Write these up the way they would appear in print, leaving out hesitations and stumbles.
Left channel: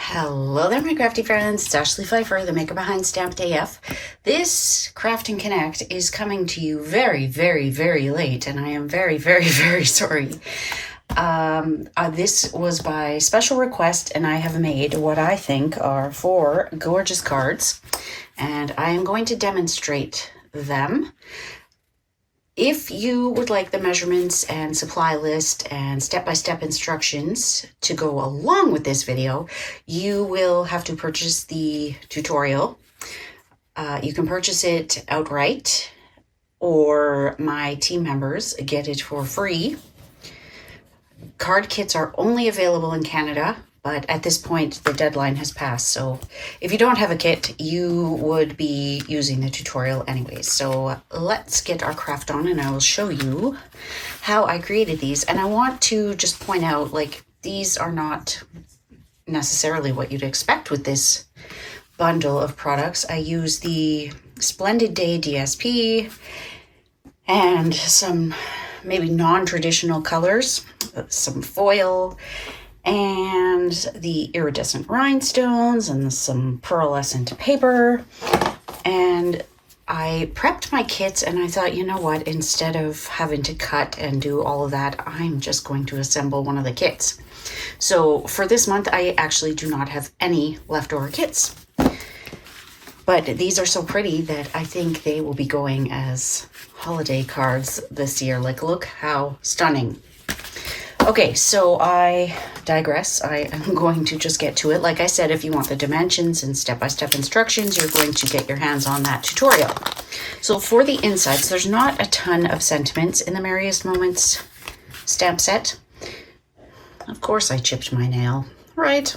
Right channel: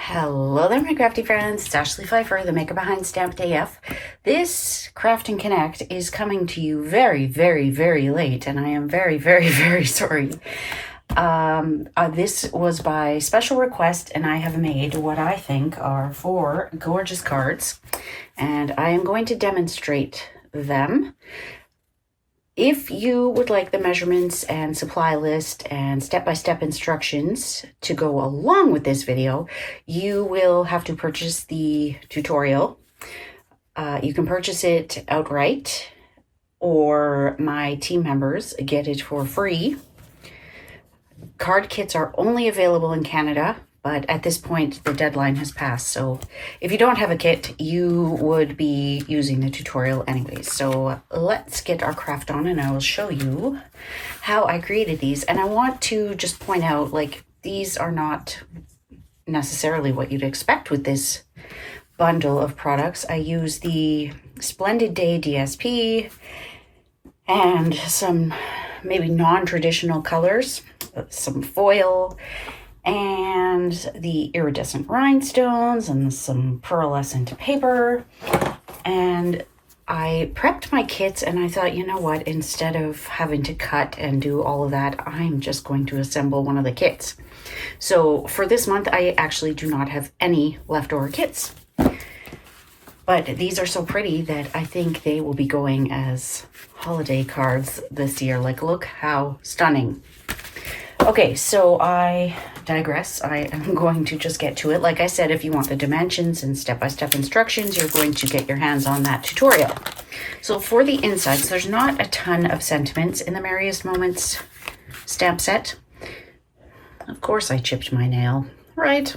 Hello there, my crafty friends. It's Ashley Pfeiffer, the maker behind Stampin' AF. This Craft and Connect is coming to you very, very, very late, and I am very, very, very sorry. This was by special request, and I have made what I think are 4 gorgeous cards, and I am going to demonstrate them. If you would like the measurements and supply list and step-by-step instructions to go along with this video, you will have to purchase the tutorial. You can purchase it outright, or my team members get it for free. Card kits are only available in Canada, but at this point the deadline has passed. So if you don't have a kit, you would be using the tutorial anyways. So let's get our craft on and I will show you how I created these. And I want to just point out, like, these are not necessarily what you'd expect with this bundle of products. I use the Splendid Day DSP and some maybe non-traditional colors, some foil, and the iridescent rhinestones and some pearlescent paper. And I prepped my kits and I thought, you know what, instead of having to cut and do all of that, I'm just going to assemble one of the kits. So for this month, I actually do not have any leftover kits. But these are so pretty that I think they will be going as holiday cards this year. Like, look how stunning. Okay, so I digress. I am going to just get to it. Like I said, if you want the dimensions and step-by-step instructions, you're going to get your hands on that tutorial. So for the insides, there's not a ton of sentiments in the Merriest Moments stamp set. Of course, I chipped my nail, right?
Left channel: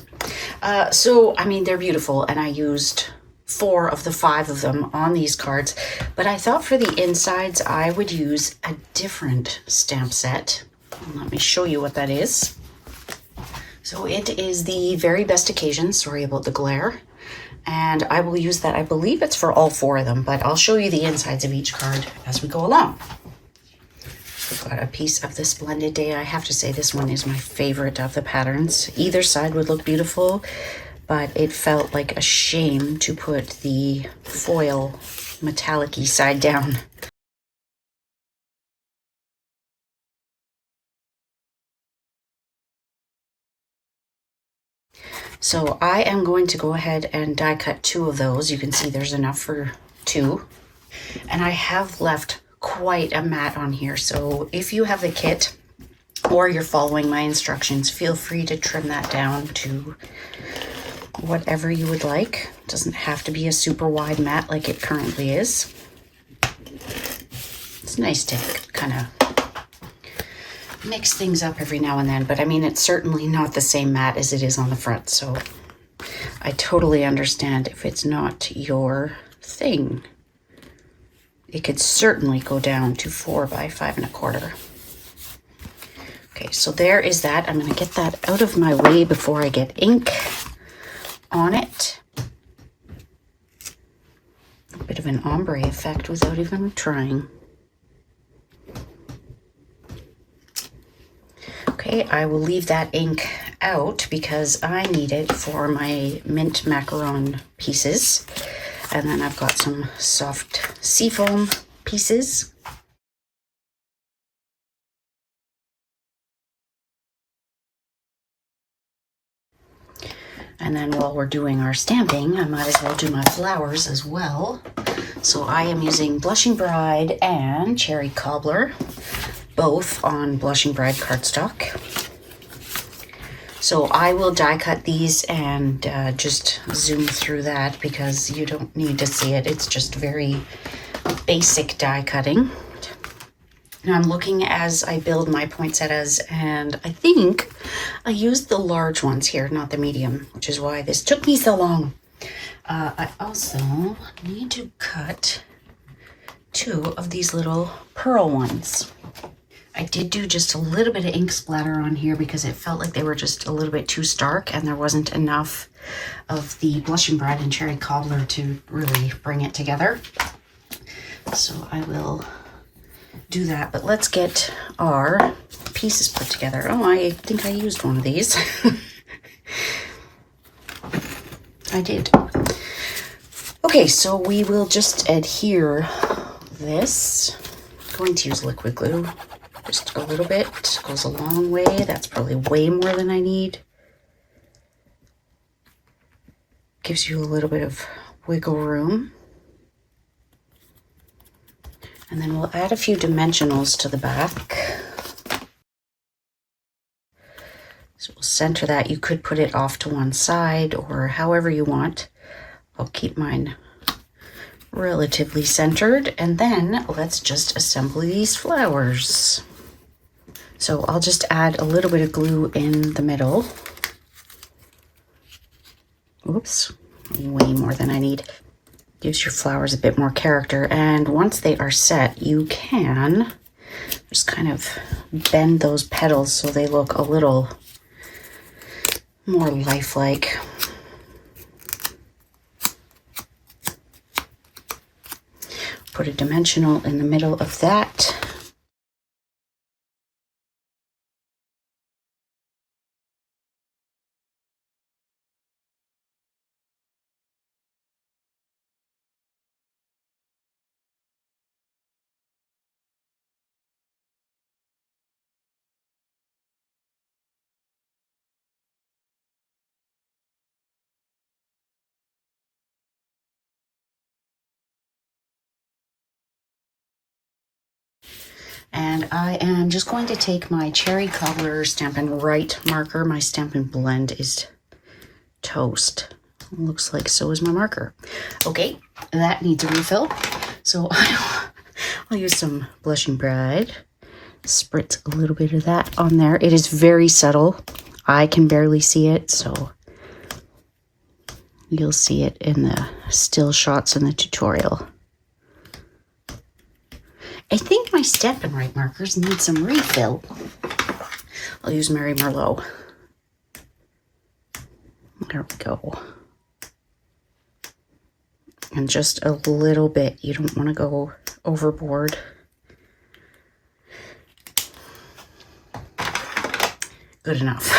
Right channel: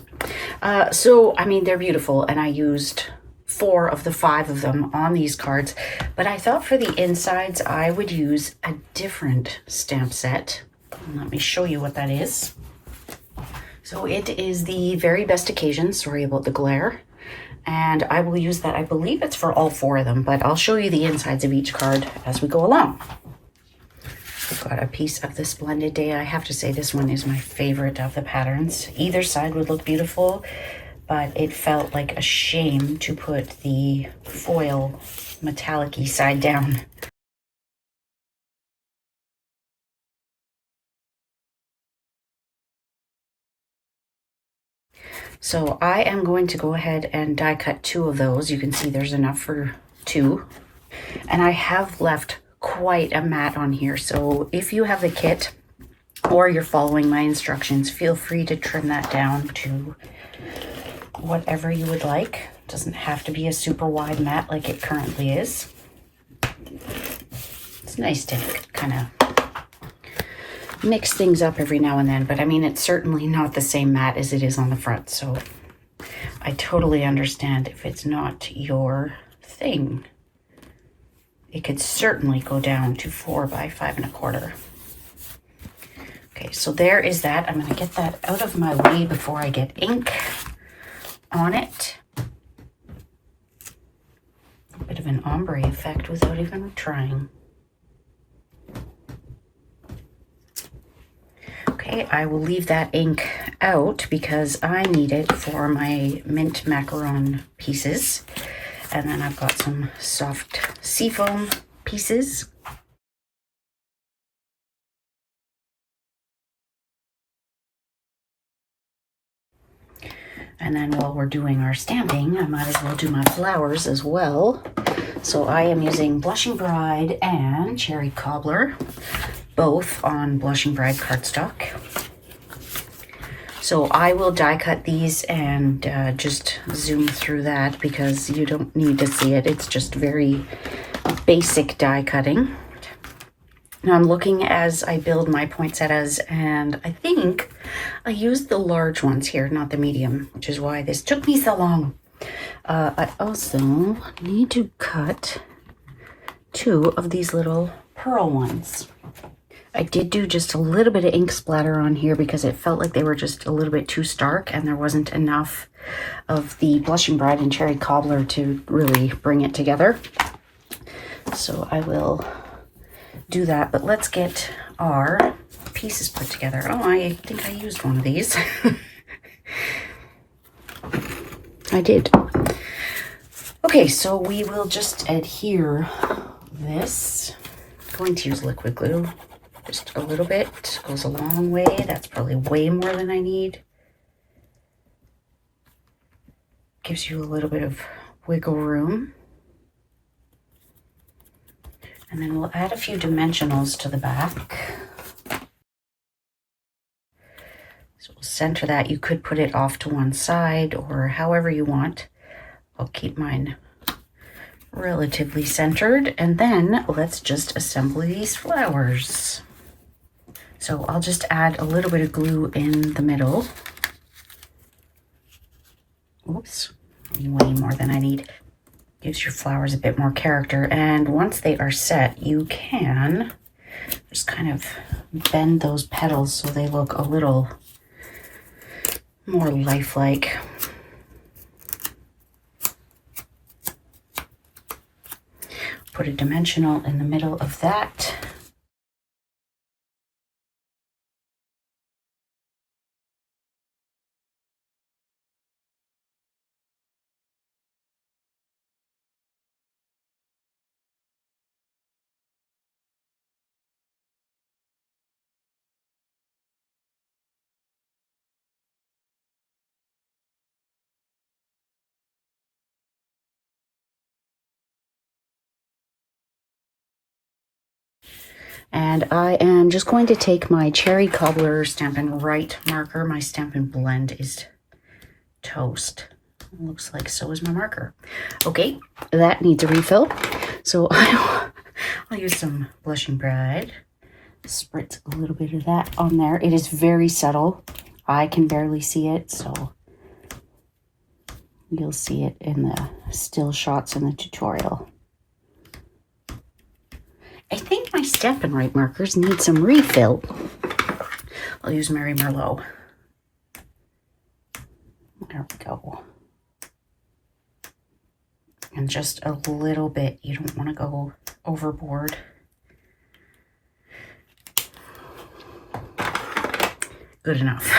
So, I mean, they're beautiful, and I used 4 of the 5 of them on these cards, but I thought for the insides I would use a different stamp set. Let me show you what that is. So it is the Very Best Occasion, sorry about the glare, and I will use that. I believe it's for all 4 of them, but I'll show you the insides of each card as we go along. I've got a piece of the Splendid Day. I have to say this one is my favorite of the patterns. Either side would look beautiful, but it felt like a shame to put the foil metallic-y side down. So I am going to go ahead and die cut 2 of those. You can see there's enough for 2. And I have left quite a mat on here. So if you have the kit or you're following my instructions, feel free to trim that down to whatever you would like. It doesn't have to be a super wide mat like it currently is. It's nice to kind of mix things up every now and then, but I mean, it's certainly not the same mat as it is on the front, so I totally understand if it's not your thing. It could certainly go down to 4 by 5 1/4. Okay, so there is that. I'm gonna get that out of my way before I get ink on it. A bit of an ombre effect without even trying. Okay, I will leave that ink out because I need it for my mint macaron pieces. And then I've got some soft seafoam pieces. And then while we're doing our stamping, I might as well do my flowers as well. So I am using Blushing Bride and Cherry Cobbler, both on Blushing Bride cardstock. So I will die cut these and just zoom through that because you don't need to see it. It's just very basic die cutting. Now I'm looking as I build my poinsettias, and I think I used the large ones here, not the medium, which is why this took me so long. I also need to cut 2 of these little pearl ones. I did do just a little bit of ink splatter on here because it felt like they were just a little bit too stark and there wasn't enough of the Blushing Bride and Cherry Cobbler to really bring it together. So I will do that, but let's get our pieces put together. Oh, I think I used one of these. did. Okay, so we will just adhere this. I'm going to use liquid glue. Just a little bit, goes a long way. That's probably way more than I need. Gives you a little bit of wiggle room. And then we'll add a few dimensionals to the back. So we'll center that. You could put it off to one side or however you want. I'll keep mine relatively centered. And then let's just assemble these flowers. So I'll just add a little bit of glue in the middle. Oops, way more than I need. Gives your flowers a bit more character. And once they are set, you can just kind of bend those petals so they look a little more lifelike. Put a dimensional in the middle of that. And I am just going to take my Cherry Cobbler Stampin' Right marker. My Stampin' Blend is toast. Looks like so is my marker. Okay, that needs a refill. So I'll use some Blushing Bride. Spritz a little bit of that on there. It is very subtle. I can barely see it, so you'll see it in the still shots in the tutorial. I think my Stampin' Right markers need some refill. I'll use Mary Merlot. There we go. And just a little bit. You don't want to go overboard. Good enough.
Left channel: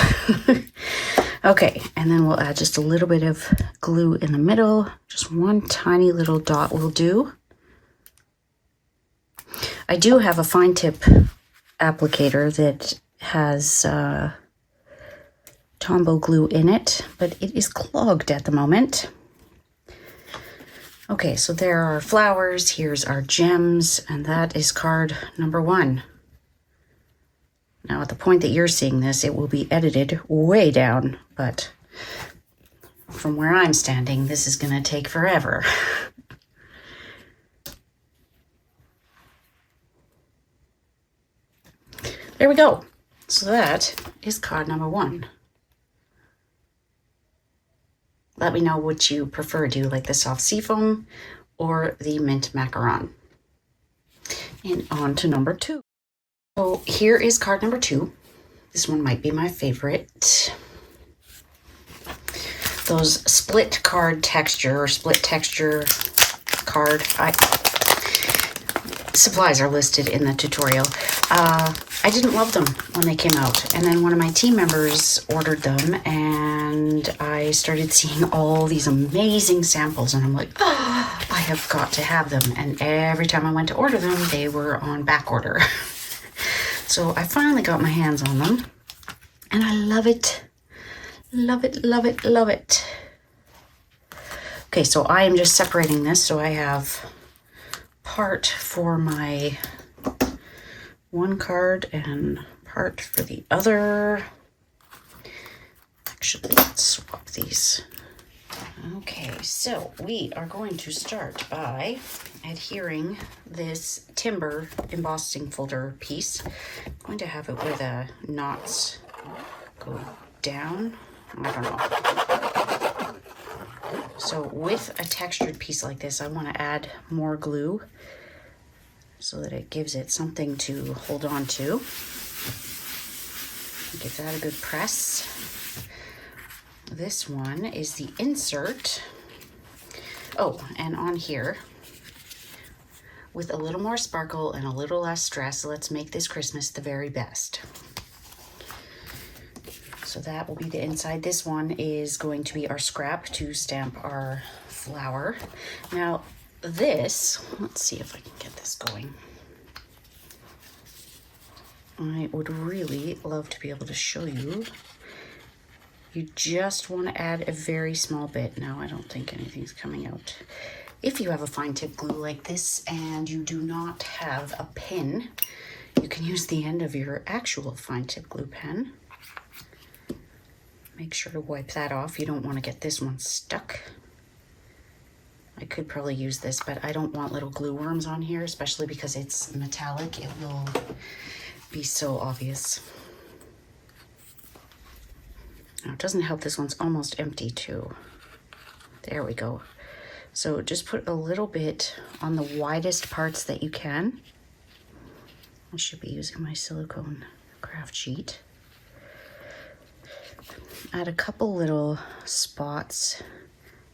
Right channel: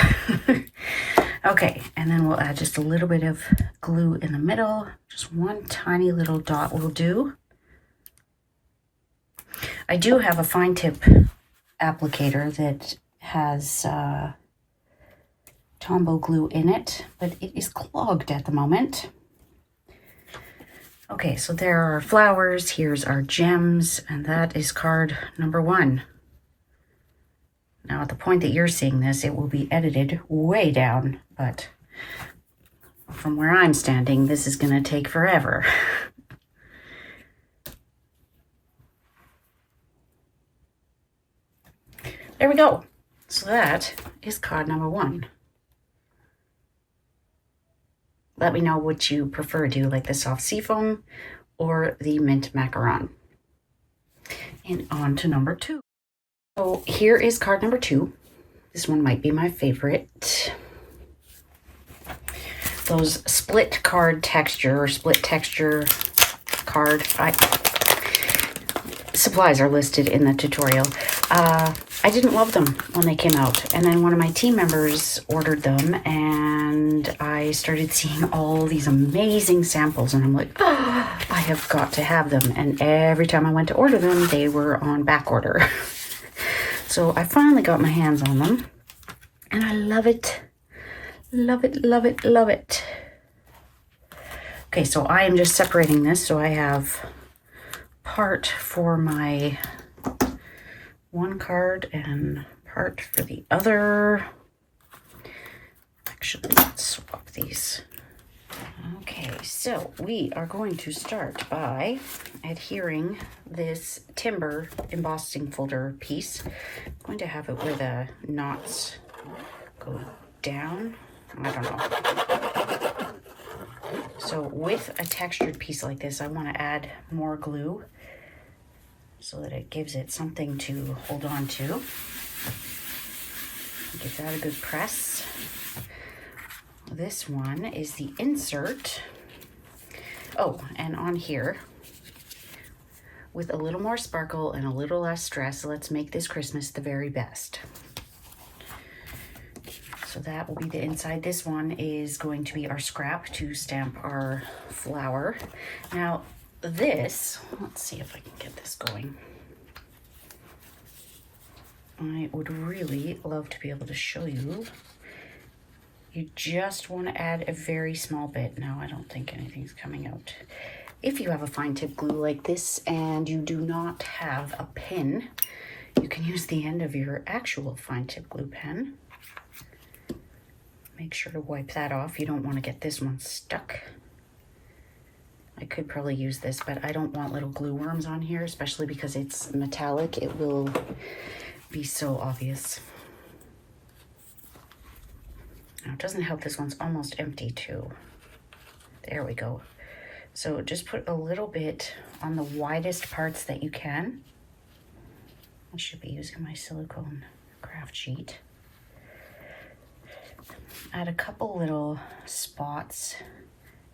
Okay, and then we'll add just a little bit of glue in the middle. Just one tiny little dot will do. I do have a fine tip applicator that has Tombow glue in it, but it is clogged at the moment. Okay, so there are flowers, here's our gems, and that is card number 1. Now at the point that you're seeing this, it will be edited way down, but from where I'm standing, this is going to take forever. There we go. So that is card number 1. Let me know what you prefer. Do you like the soft seafoam or the mint macaron? And on to number 2. So here is card number 2. This one might be my favorite. Those split card texture or split texture card. Supplies are listed in the tutorial. I didn't love them when they came out, and then one of my team members ordered them, and I started seeing all these amazing samples, and I'm like, oh, I have got to have them. And every time I went to order them, they were on back order. So I finally got my hands on them, and I love it. Love it, love it, love it. Okay, so I am just separating this, so I have part for my one card and part for the other. Actually, let's swap these. Okay, so we are going to start by adhering this timber embossing folder piece. I'm going to have it where the knots go down. I don't know. So with a textured piece like this, I want to add more glue so that it gives it something to hold on to. Give that a good press. This one is the insert. Oh, and on here, with a little more sparkle and a little less stress, let's make this Christmas the very best. So that will be the inside. This one is going to be our scrap to stamp our flower. Now this, let's see if I can get this going. I would really love to be able to show you. You just want to add a very small bit. Now I don't think anything's coming out. If you have a fine tip glue like this and you do not have a pin, you can use the end of your actual fine tip glue pen. Make sure to wipe that off. You don't want to get this one stuck. I could probably use this, but I don't want little glue worms on here, especially because it's metallic. It will be so obvious. Now it doesn't help, this one's almost empty too. There we go. So just put a little bit on the widest parts that you can. I should be using my silicone craft sheet. Add a couple little spots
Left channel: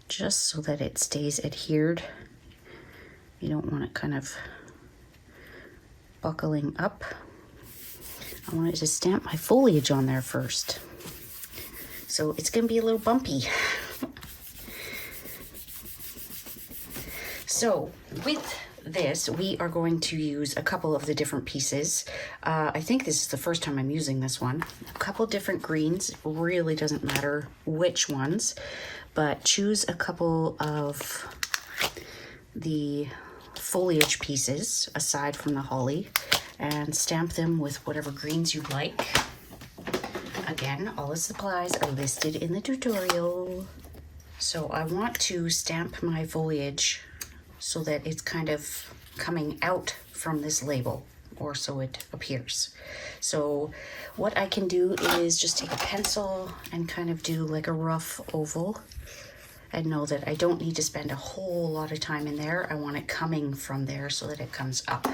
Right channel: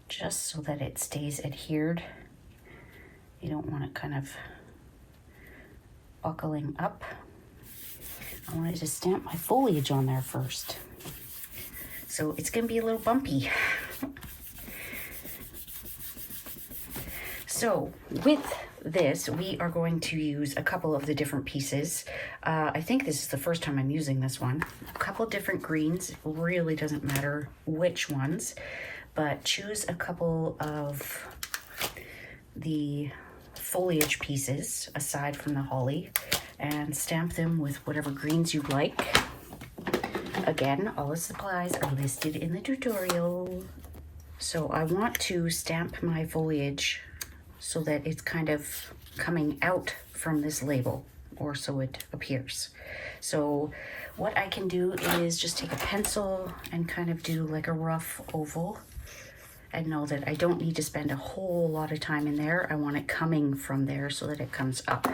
just so that it stays adhered. You don't want it kind of buckling up. I wanted to stamp my foliage on there first. So it's gonna be a little bumpy. So with this, we are going to use a couple of the different pieces. I think this is the first time I'm using this one. A couple different greens, really doesn't matter which ones, but choose a couple of the foliage pieces aside from the holly and stamp them with whatever greens you'd like. Again, all the supplies are listed in the tutorial. So I want to stamp my foliage so that it's kind of coming out from this label, or so it appears. So what I can do is just take a pencil and kind of do like a rough oval and know that I don't need to spend a whole lot of time in there. I want it coming from there so that it comes up.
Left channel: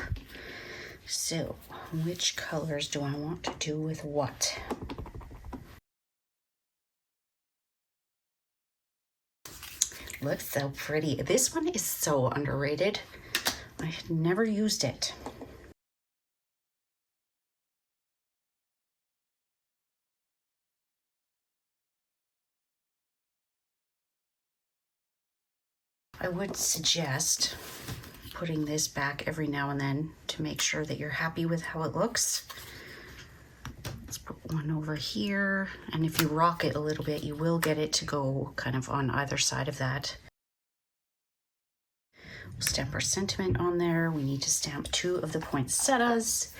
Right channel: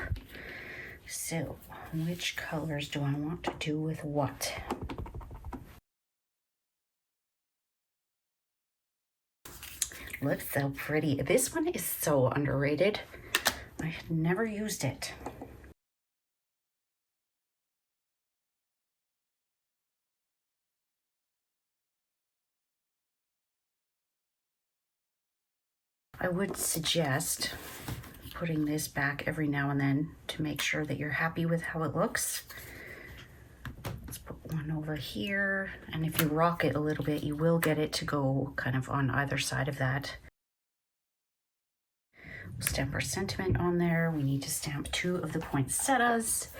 So which colors do I want to do with what? Looks so pretty. This one is so underrated. I had never used it. I would suggest putting this back every now and then to make sure that you're happy with how it looks. Let's put one over here, and if you rock it a little bit, you will get it to go kind of on either side of that. We'll stamp our sentiment on there. We need to stamp 2 of the poinsettias,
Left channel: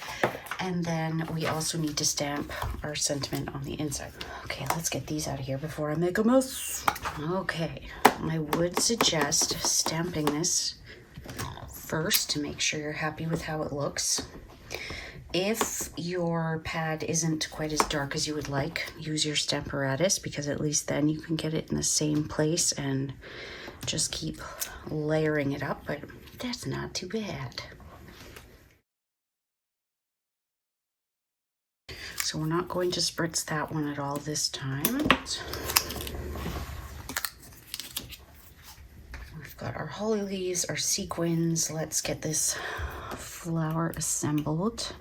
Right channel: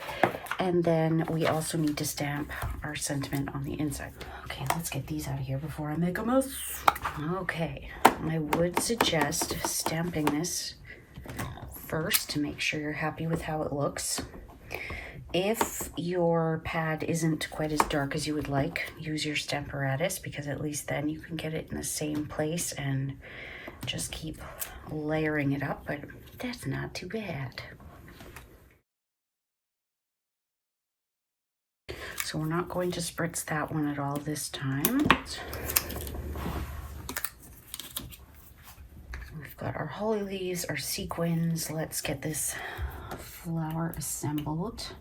and then we also need to stamp our sentiment on the inside. Okay, let's get these out of here before I make a mess. Okay, I would suggest stamping this first to make sure you're happy with how it looks. If your pad isn't quite as dark as you would like, use your stamparatus, because at least then you can get it in the same place and just keep layering it up, but that's not too bad. So we're not going to spritz that one at all this time. We've got our holly leaves, our sequins. Let's get this flower assembled.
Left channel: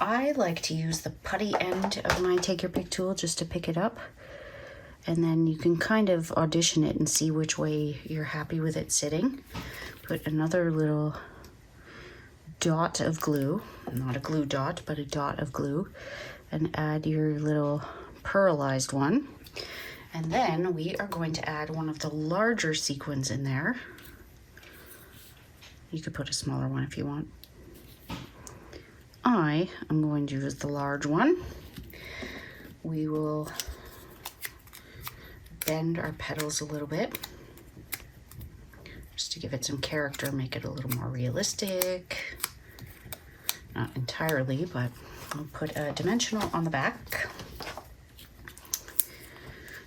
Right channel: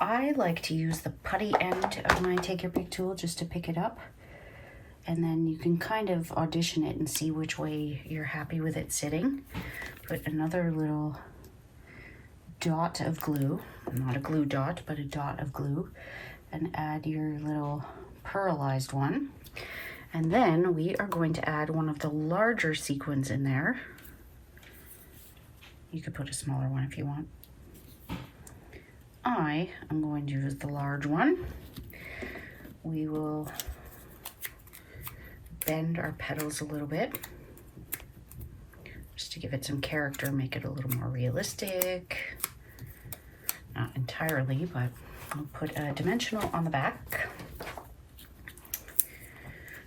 I like to use the putty end of my Take Your Pick tool just to pick it up, and then you can kind of audition it and see which way you're happy with it sitting. Put another little dot of glue, not a glue dot, but a dot of glue, and add your little pearlized one. And then we are going to add one of the larger sequins in there. You could put a smaller one if you want. I am going to use the large one. We will bend our petals a little bit just to give it some character, make it a little more realistic. Not entirely, but I'll put a dimensional on the back.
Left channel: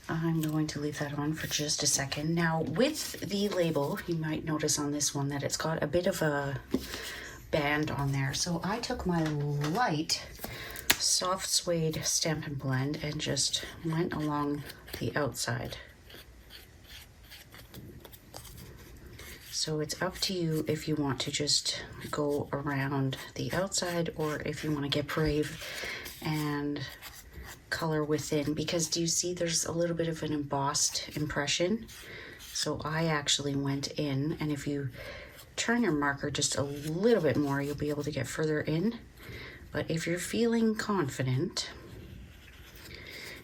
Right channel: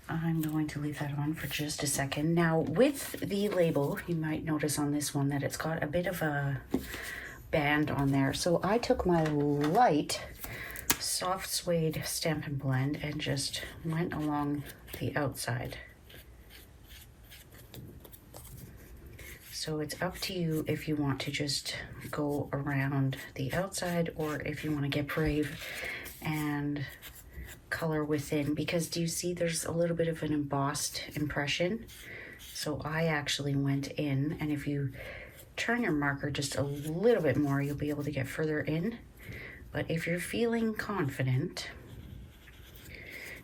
I'm going to leave that on for just a second. Now with the label, you might notice on this one that it's got a bit of a band on there. So I took my light soft suede Stampin' Blend and just went along the outside. So it's up to you if you want to just go around the outside or if you want to get brave and color within, because do you see there's a little bit of an embossed impression? So I actually went in, and if you turn your marker just a little bit more, you'll be able to get further in. But if you're feeling confident,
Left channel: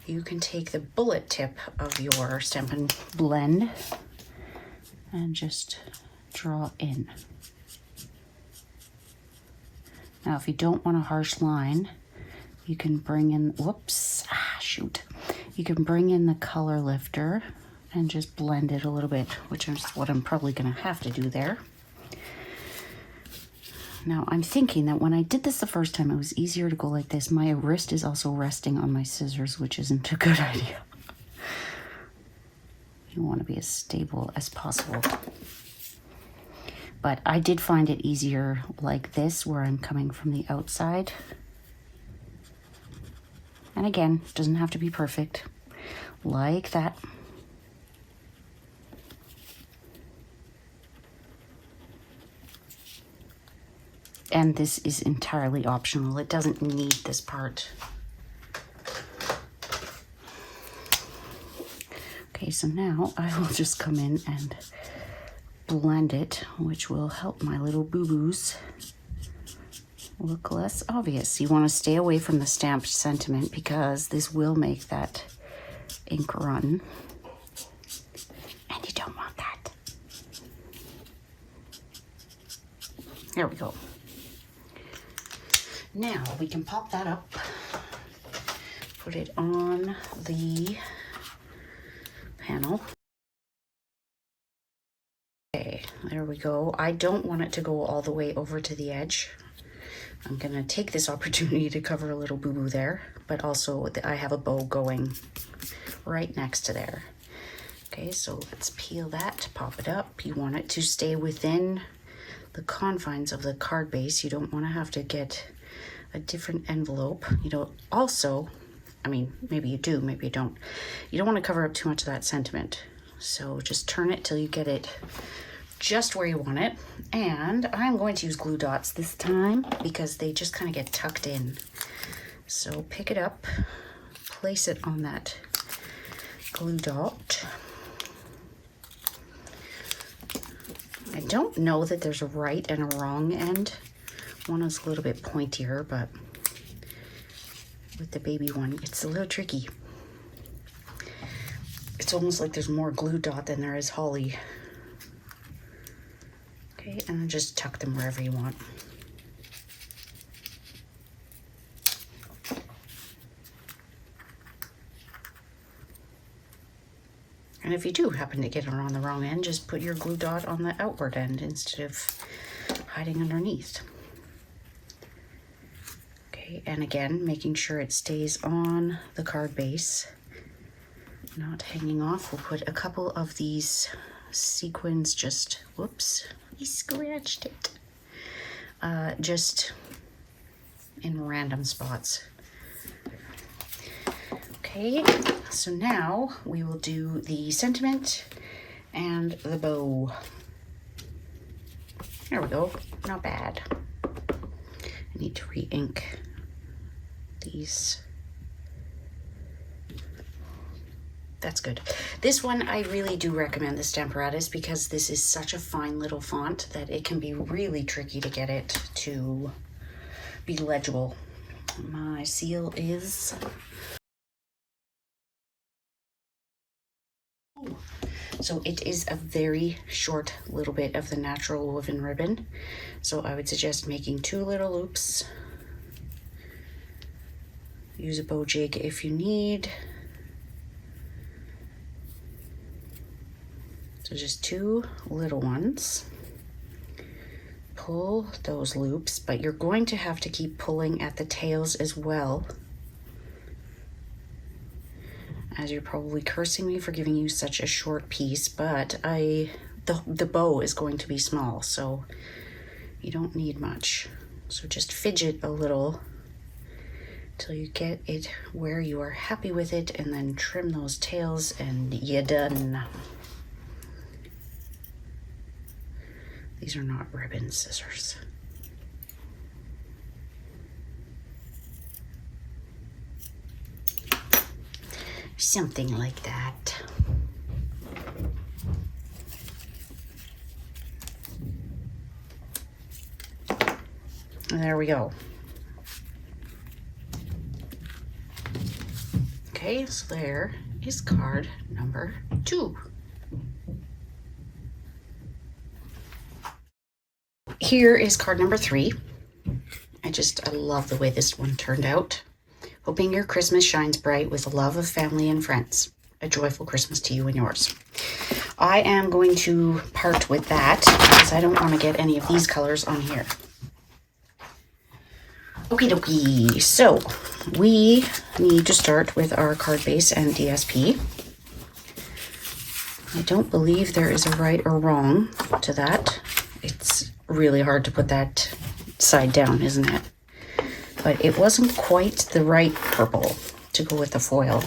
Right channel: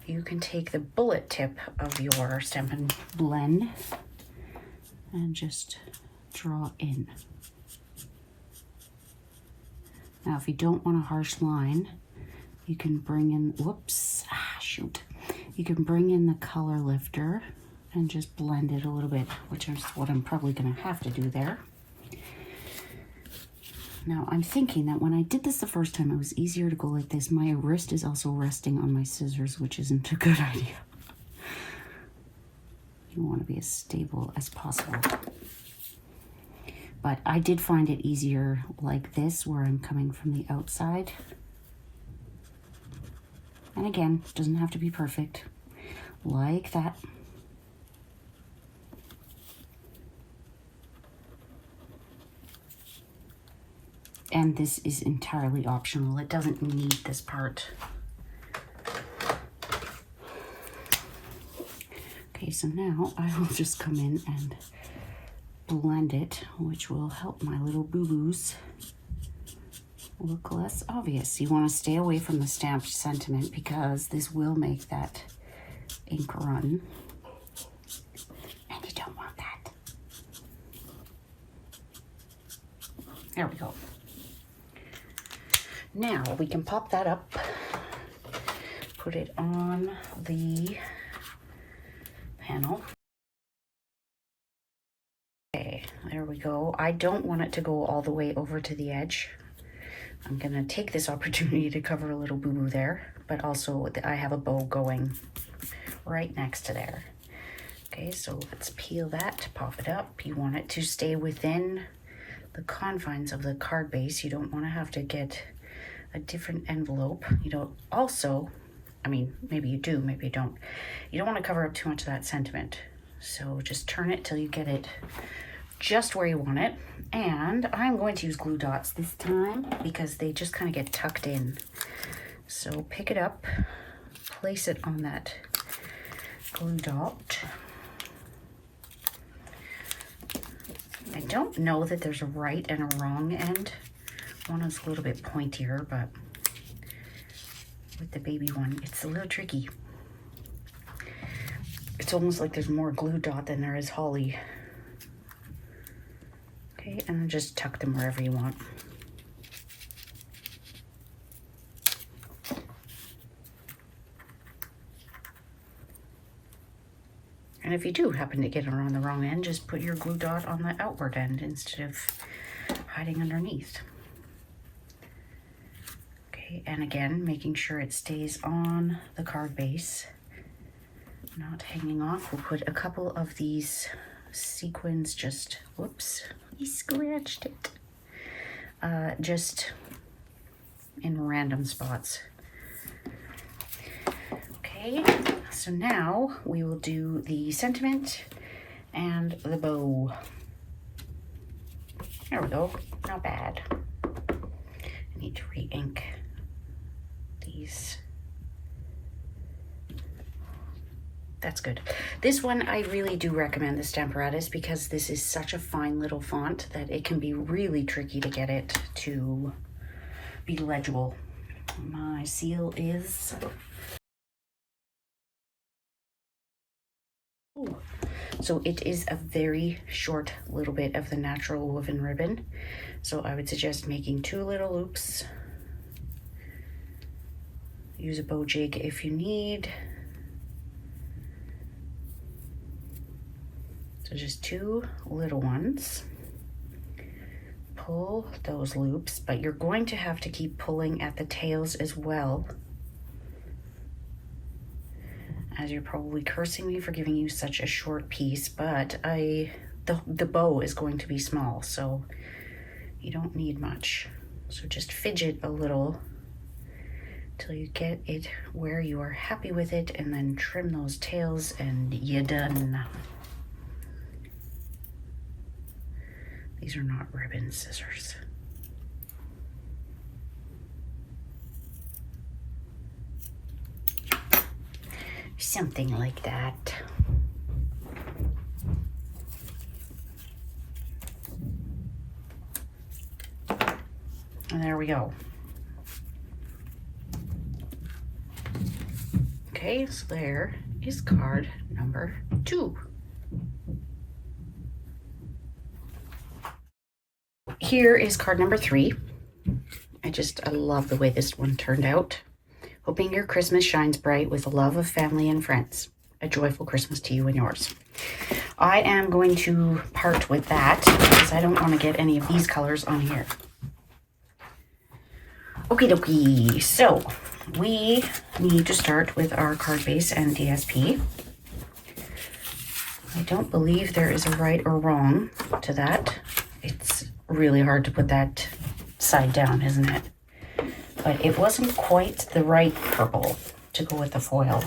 you can take the bullet tip of your Stampin' Blend and just draw in. Now, if you don't want a harsh line, you can bring in, you can bring in the color lifter and just blend it a little bit, which is what I'm probably gonna have to do there. Now, I'm thinking that when I did this the first time, it was easier to go like this. My wrist is also resting on my scissors, which isn't a good idea. You want to be as stable as possible. But I did find it easier like this, where I'm coming from the outside. And again, it doesn't have to be perfect. Like that. And this is entirely optional. It doesn't need this part. Okay, so now I will just come in and blend it, which will help my little boo-boos look less obvious. You want to stay away from the stamped sentiment because this will make that ink run. And you don't want that. There we go. Now we can pop that up, put it on the panel. Okay, there we go. I don't want it to go all the way over to the edge. I'm gonna take this opportunity to cover a little boo-boo there, but also I have a bow going right next to there. Okay, so let's peel that, pop it up. You want it to stay within the confines of the card base. You don't want to have to get a different envelope. You don't also, I mean, maybe you do, maybe you don't. You don't want to cover up too much of that sentiment. So just turn it till you get it just where you want it. And I'm going to use glue dots this time because they just kind of get tucked in. So pick it up, place it on that glue dot. I don't know that there's a right and a wrong end. One is a little bit pointier, but with the baby one, it's a little tricky. It's almost like there's more glue dot than there is holly. Okay, and then just tuck them wherever you want. And if you do happen to get it on the wrong end, just put your glue dot on the outward end instead of hiding underneath. Okay, and again, making sure it stays on the card base, not hanging off. We'll put a couple of these sequins just, whoops, we scratched it. Just in random spots. Okay, so now we will do the sentiment and the bow. There we go, not bad. I need to re-ink these. That's good. This one, I really do recommend the Stamparatus because this is such a fine little font that it can be really tricky to get it to be legible. My seal is... So it is a very short little bit of the natural woven ribbon. So I would suggest making 2 little loops. Use a bow jig if you need. So just 2 little ones. Pull those loops, but you're going to have to keep pulling at the tails as well. As you're probably cursing me for giving you such a short piece, but the bow is going to be small, so you don't need much. So just fidget a little till you get it where you are happy with it, and then trim those tails and you're done. These are not ribbon scissors. Something like that. There we go. Okay, so there is card number 2. Here is card number 3. I love the way this one turned out. Hoping your Christmas shines bright with the love of family and friends. A joyful Christmas to you and yours. I am going to part with that because I don't want to get any of these colors on here. Okie dokie, so we need to start with our card base and DSP. I don't believe there is a right or wrong to that. It's really hard to put that side down, isn't it? But it wasn't quite the right purple to go with the foil.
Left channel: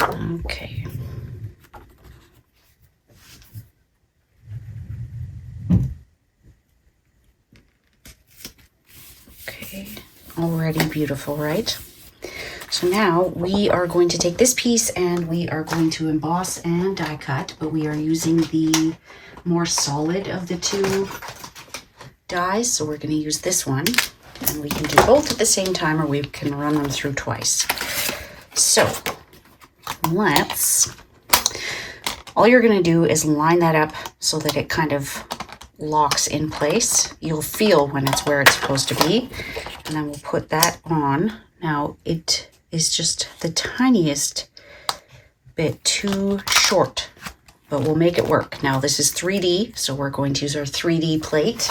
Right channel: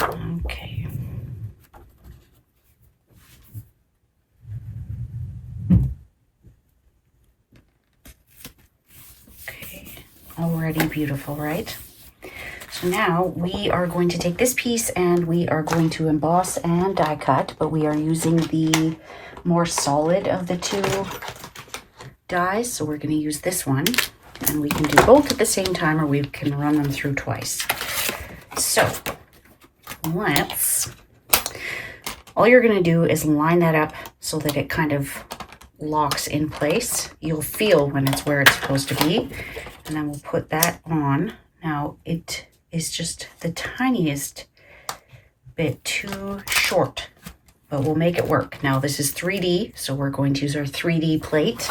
Okay. Okay, already beautiful, right? So now we are going to take this piece and we are going to emboss and die cut, but we are using the more solid of the 2 dies. So we're going to use this one, and we can do both at the same time, or we can run them through twice. So all you're going to do is line that up so that it kind of locks in place. You'll feel when it's where it's supposed to be, and then we'll put that on. Now it is just the tiniest bit too short, but we'll make it work. Now this is 3D, so we're going to use our 3D plate.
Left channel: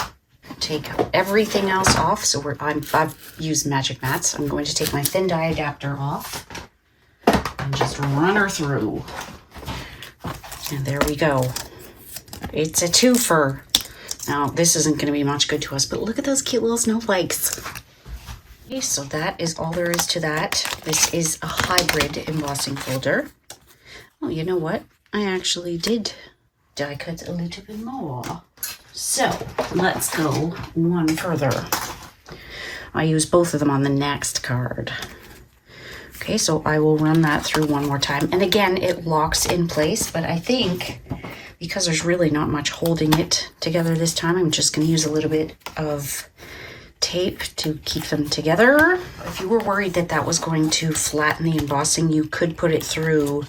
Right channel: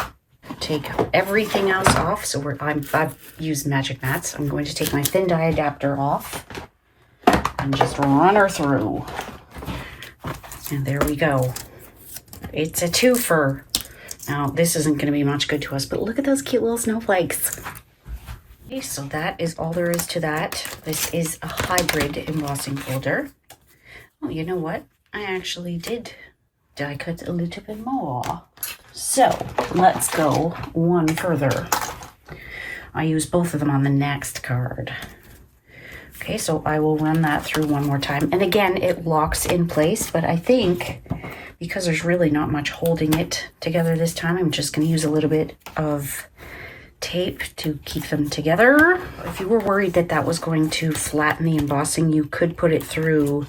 Take everything else off. So I've used magic mats. I'm going to take my thin die adapter off and just run her through. And there we go. It's a twofer. Now this isn't going to be much good to us, but look at those cute little snowflakes. Okay, so that is all there is to that. This is a hybrid embossing folder. Oh, you know what? I actually did die cut a little bit more. So let's go one further. I use both of them on the next card. Okay, so I will run that through one more time. And again, it locks in place, but I think because there's really not much holding it together this time, I'm just going to use a little bit of tape to keep them together. If you were worried that that was going to flatten the embossing, you could put it through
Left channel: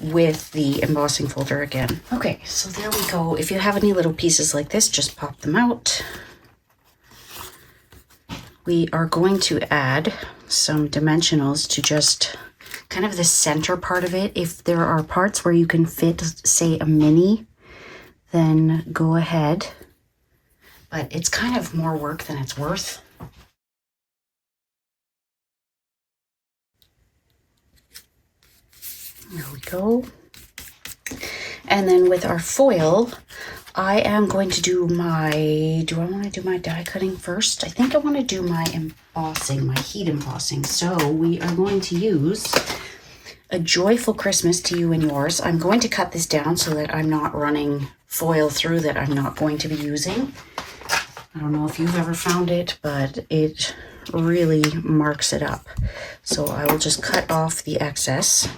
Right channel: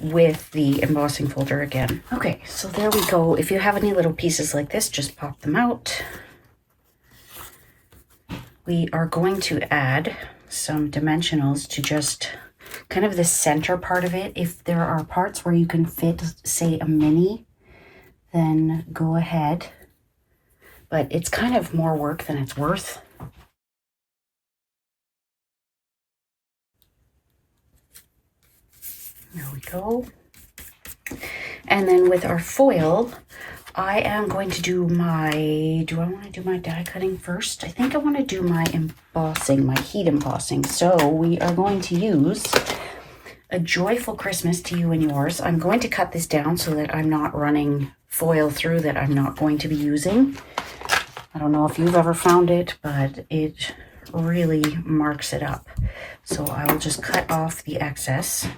with the embossing folder again. Okay, so there we go. If you have any little pieces like this, just pop them out. We are going to add some dimensionals to just kind of the center part of it. If there are parts where you can fit, say, a mini, then go ahead. But it's kind of more work than it's worth. There we go. And then with our foil, I am going to do do I want to do my die cutting first? I think I want to do my embossing, my heat embossing. So we are going to use A Joyful Christmas to You and Yours. I'm going to cut this down so that I'm not running foil through that I'm not going to be using. I don't know if you've ever found it, but it really marks it up. So I will just cut off the excess.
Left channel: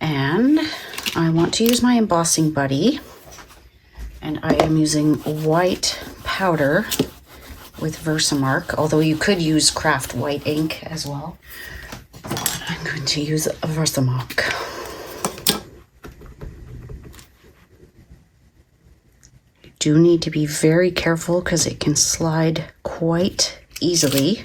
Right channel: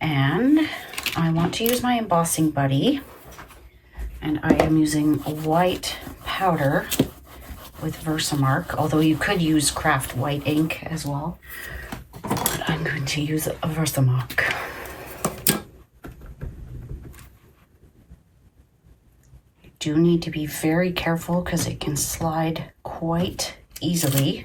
And I want to use my embossing buddy, and I am using white powder with Versamark, although you could use craft white ink as well. I'm going to use a Versamark. You do need to be very careful because it can slide quite easily.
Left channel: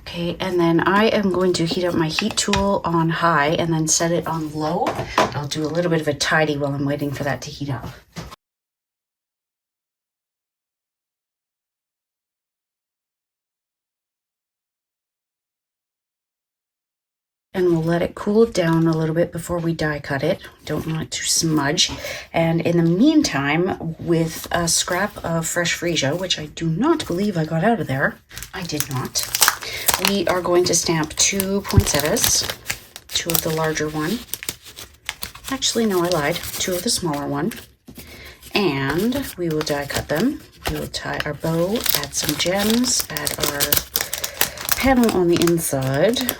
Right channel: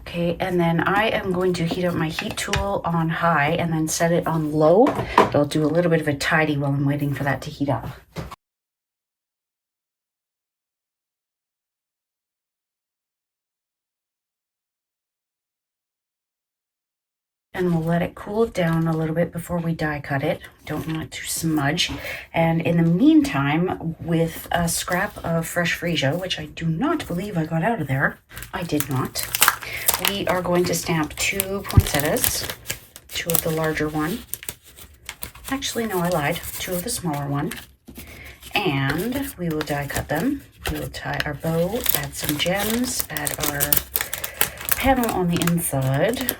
Okay, and then I am going to heat up my heat tool on high and then set it on low. I'll do a little bit of a tidy while I'm waiting for that to heat up. and we'll let it cool down a little bit before we die cut it. Don't want it to smudge. And in the meantime, with a scrap of fresh freesia, which I do not believe I got out of there, I did not, we are going to stamp 2 poinsettias, 2 of the larger one. Actually, no, I lied. 2 of the smaller one. And we will die cut them. We will tie our bow, add some gems, add our panel on the inside.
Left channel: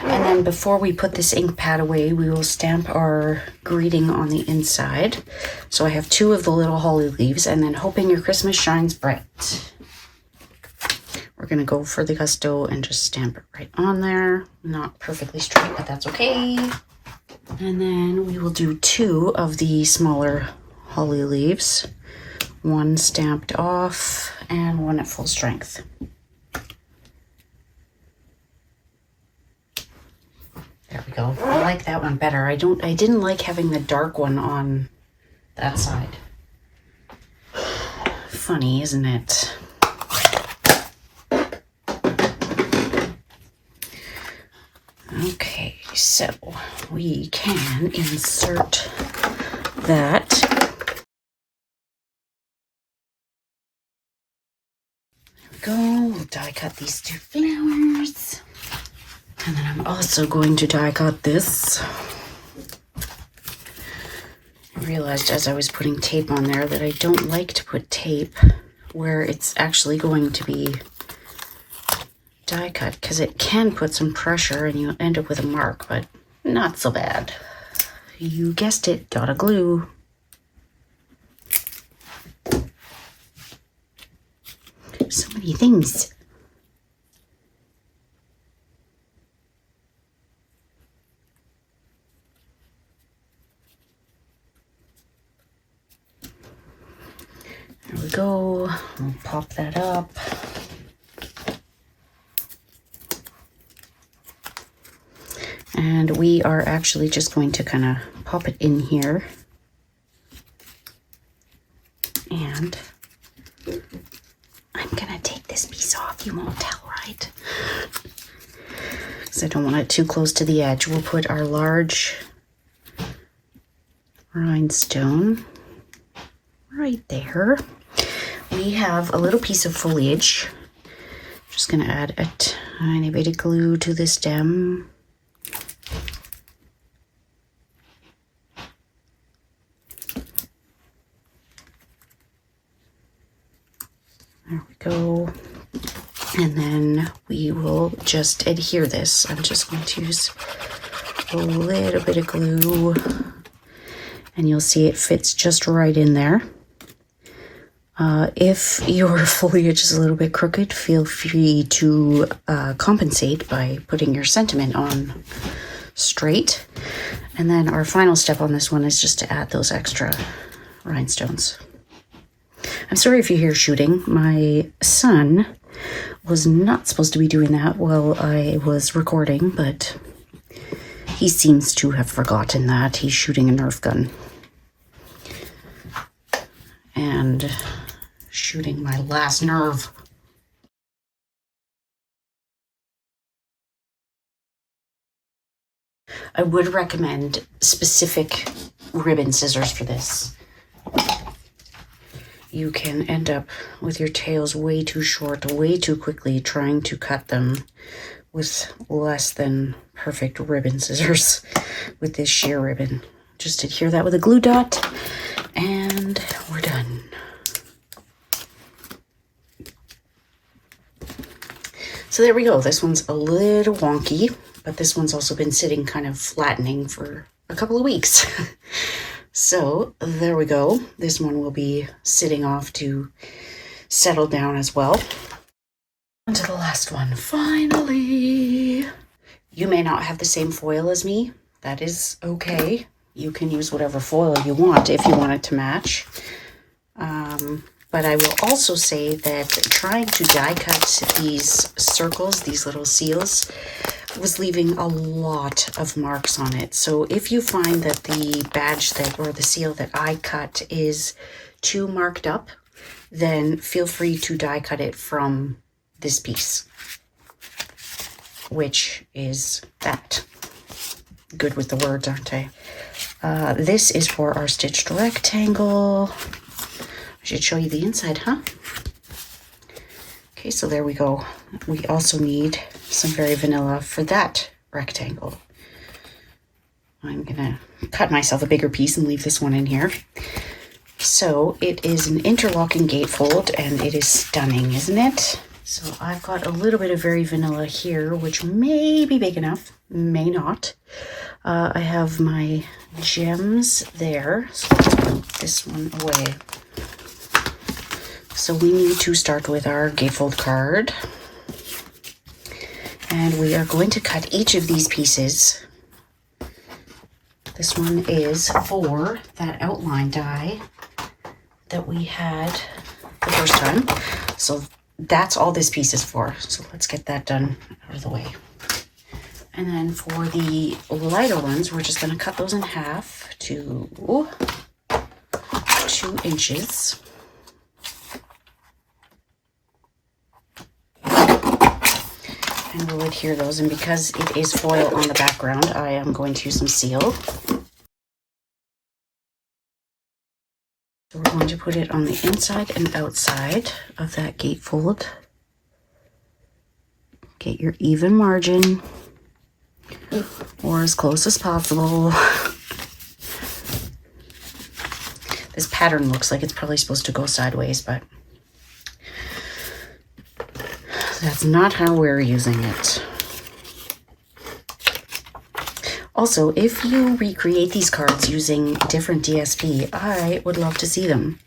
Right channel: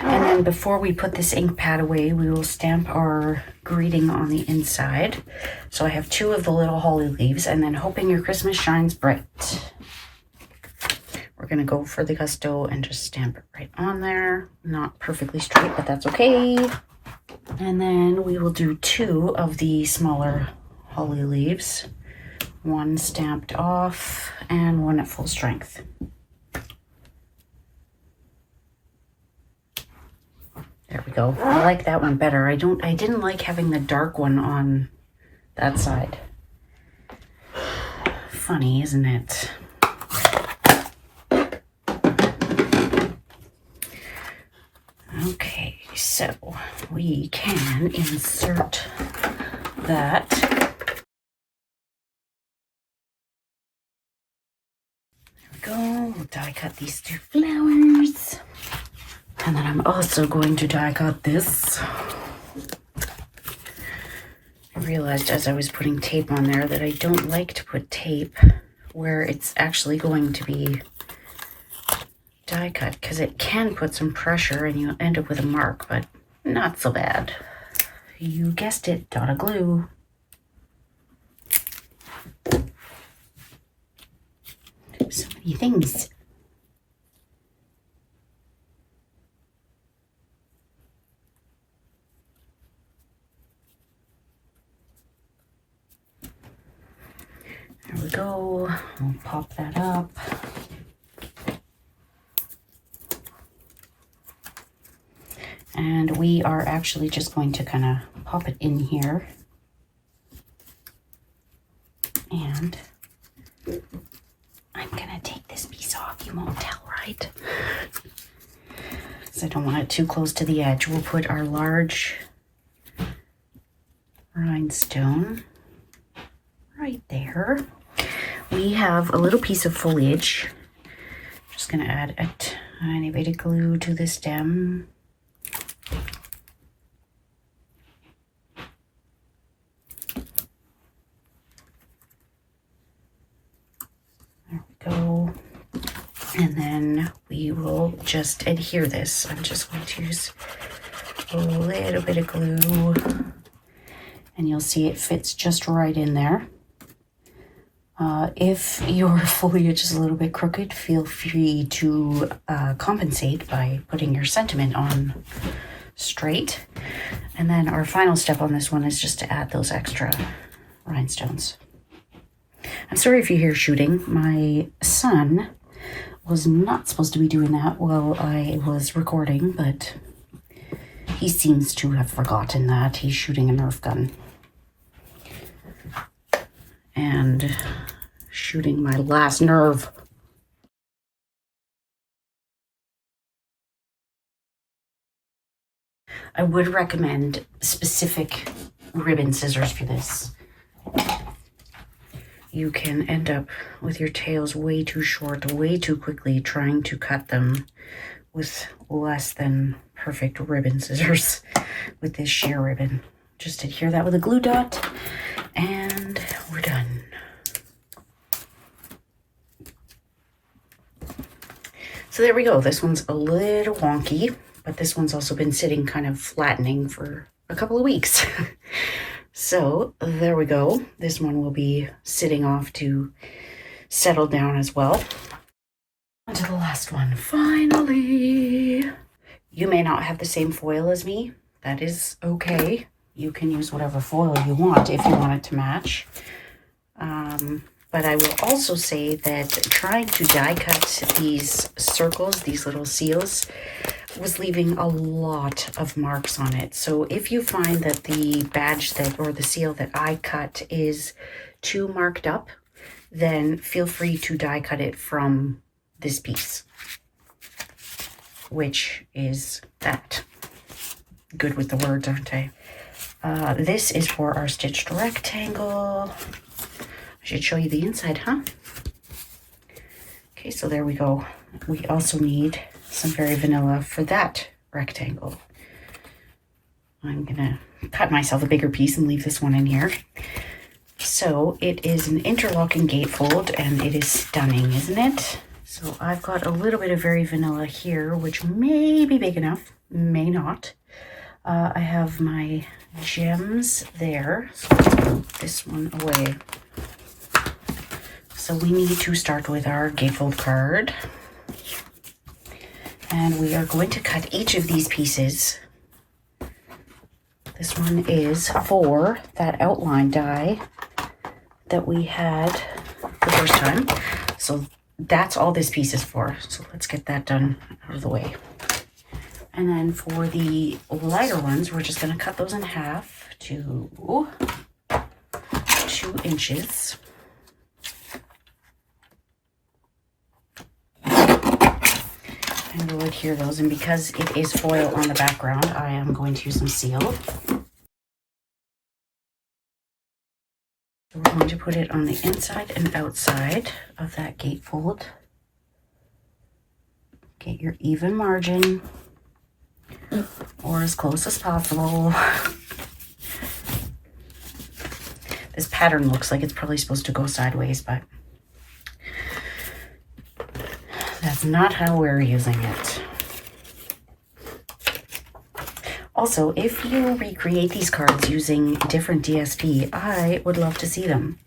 And then before we put this ink pad away, we will stamp our greeting on the inside. So I have 2 of the little holly leaves, and then hoping your Christmas shines bright. We're gonna go for the gusto and just stamp it right on there. Not perfectly straight, but that's okay. And then we will do 2 of the smaller holly leaves. 1 stamped off and 1 at full strength. There we go. I like that one better. I didn't like having the dark one on that side. Funny, isn't it? Okay, so we can insert that. There we go. We'll die cut these 2 flowers. And then I'm also going to die cut this. I realized as I was putting tape on there that I don't like to put tape where it's actually going to be die cut, because it can put some pressure and you'll end up with a mark, but not so bad. You guessed it, dot of glue. So many things. There we go. We'll pop that up. And we are actually just going to kind of pop it in here. And I'm gonna take this piece off. You won't tell, right? Because I don't want it too close to the edge. We'll put our large rhinestone right there. We have a little piece of foliage. Just gonna add a tiny bit of glue to the stem. There we go. And then we will just adhere this. I'm just going to use a little bit of glue, and you'll see it fits just right in there. If your foliage is a little bit crooked, feel free to compensate by putting your sentiment on straight. And then our final step on this one is just to add those extra rhinestones. I'm sorry if you hear shooting. My son was not supposed to be doing that while I was recording, but he seems to have forgotten that. He's shooting a Nerf gun. And shooting my last nerve. I would recommend specific ribbon scissors for this. You can end up with your tails way too short, way too quickly, trying to cut them with less than perfect ribbon scissors with this sheer ribbon. Just adhere that with a glue dot, and we're done. So there we go. This one's a little wonky, but this one's also been sitting kind of flattening for a couple of weeks. So there we go. This one will be sitting off to settle down as well. On to the last one. Finally. You may not have the same foil as me. That is okay. You can use whatever foil you want if you want it to match. But I will also say that trying to die cut these circles, these little seals, was leaving a lot of marks on it. So if you find that the badge that, or the seal that I cut is too marked up, then feel free to die cut it from this piece, which is that. Good with the words, aren't I? This is for our stitched rectangle. I should show you the inside, huh? Okay, so there we go. We also need some very vanilla for that rectangle. I'm gonna cut myself a bigger piece and leave this one in here. So it is an interlocking gatefold and it is stunning, isn't it? So I've got a little bit of very vanilla here, which may be big enough, may not. I have my gems there, so let's put this one away. So we need to start with our gatefold card. And we are going to cut each of these pieces. This one is for that outline die that we had the first time. So that's all this piece is for. So let's get that done out of the way. And then for the lighter ones, we're just going to cut those in half to 2 inches. And we'll adhere those, and because it is foil on the background, I am going to use some seal. So we're going to put it on the inside and outside of that gatefold. Get your even margin, or as close as possible. This pattern looks like it's probably supposed to go sideways, but that's not how we're using it. Also, if you recreate these cards using different DSP, I would love to see them.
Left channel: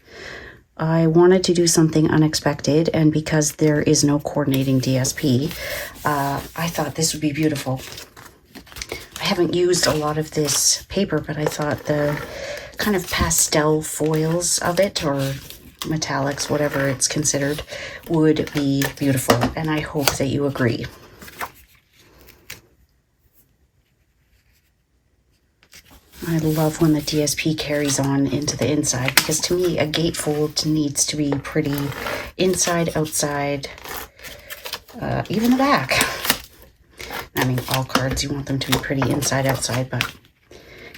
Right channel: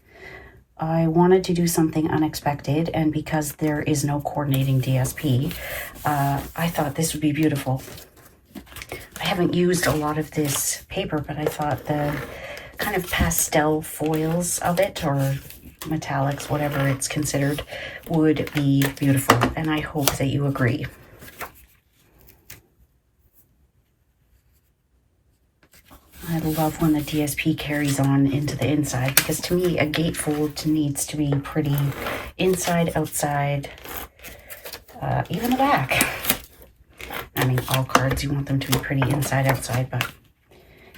I wanted to do something unexpected, and because there is no coordinating DSP, I thought this would be beautiful. I haven't used a lot of this paper, but I thought the kind of pastel foils of it, or metallics, whatever it's considered, would be beautiful, and I hope that you agree. I love when the DSP carries on into the inside, because to me a gatefold needs to be pretty inside, outside, even the back. I mean, all cards, you want them to be pretty inside, outside, but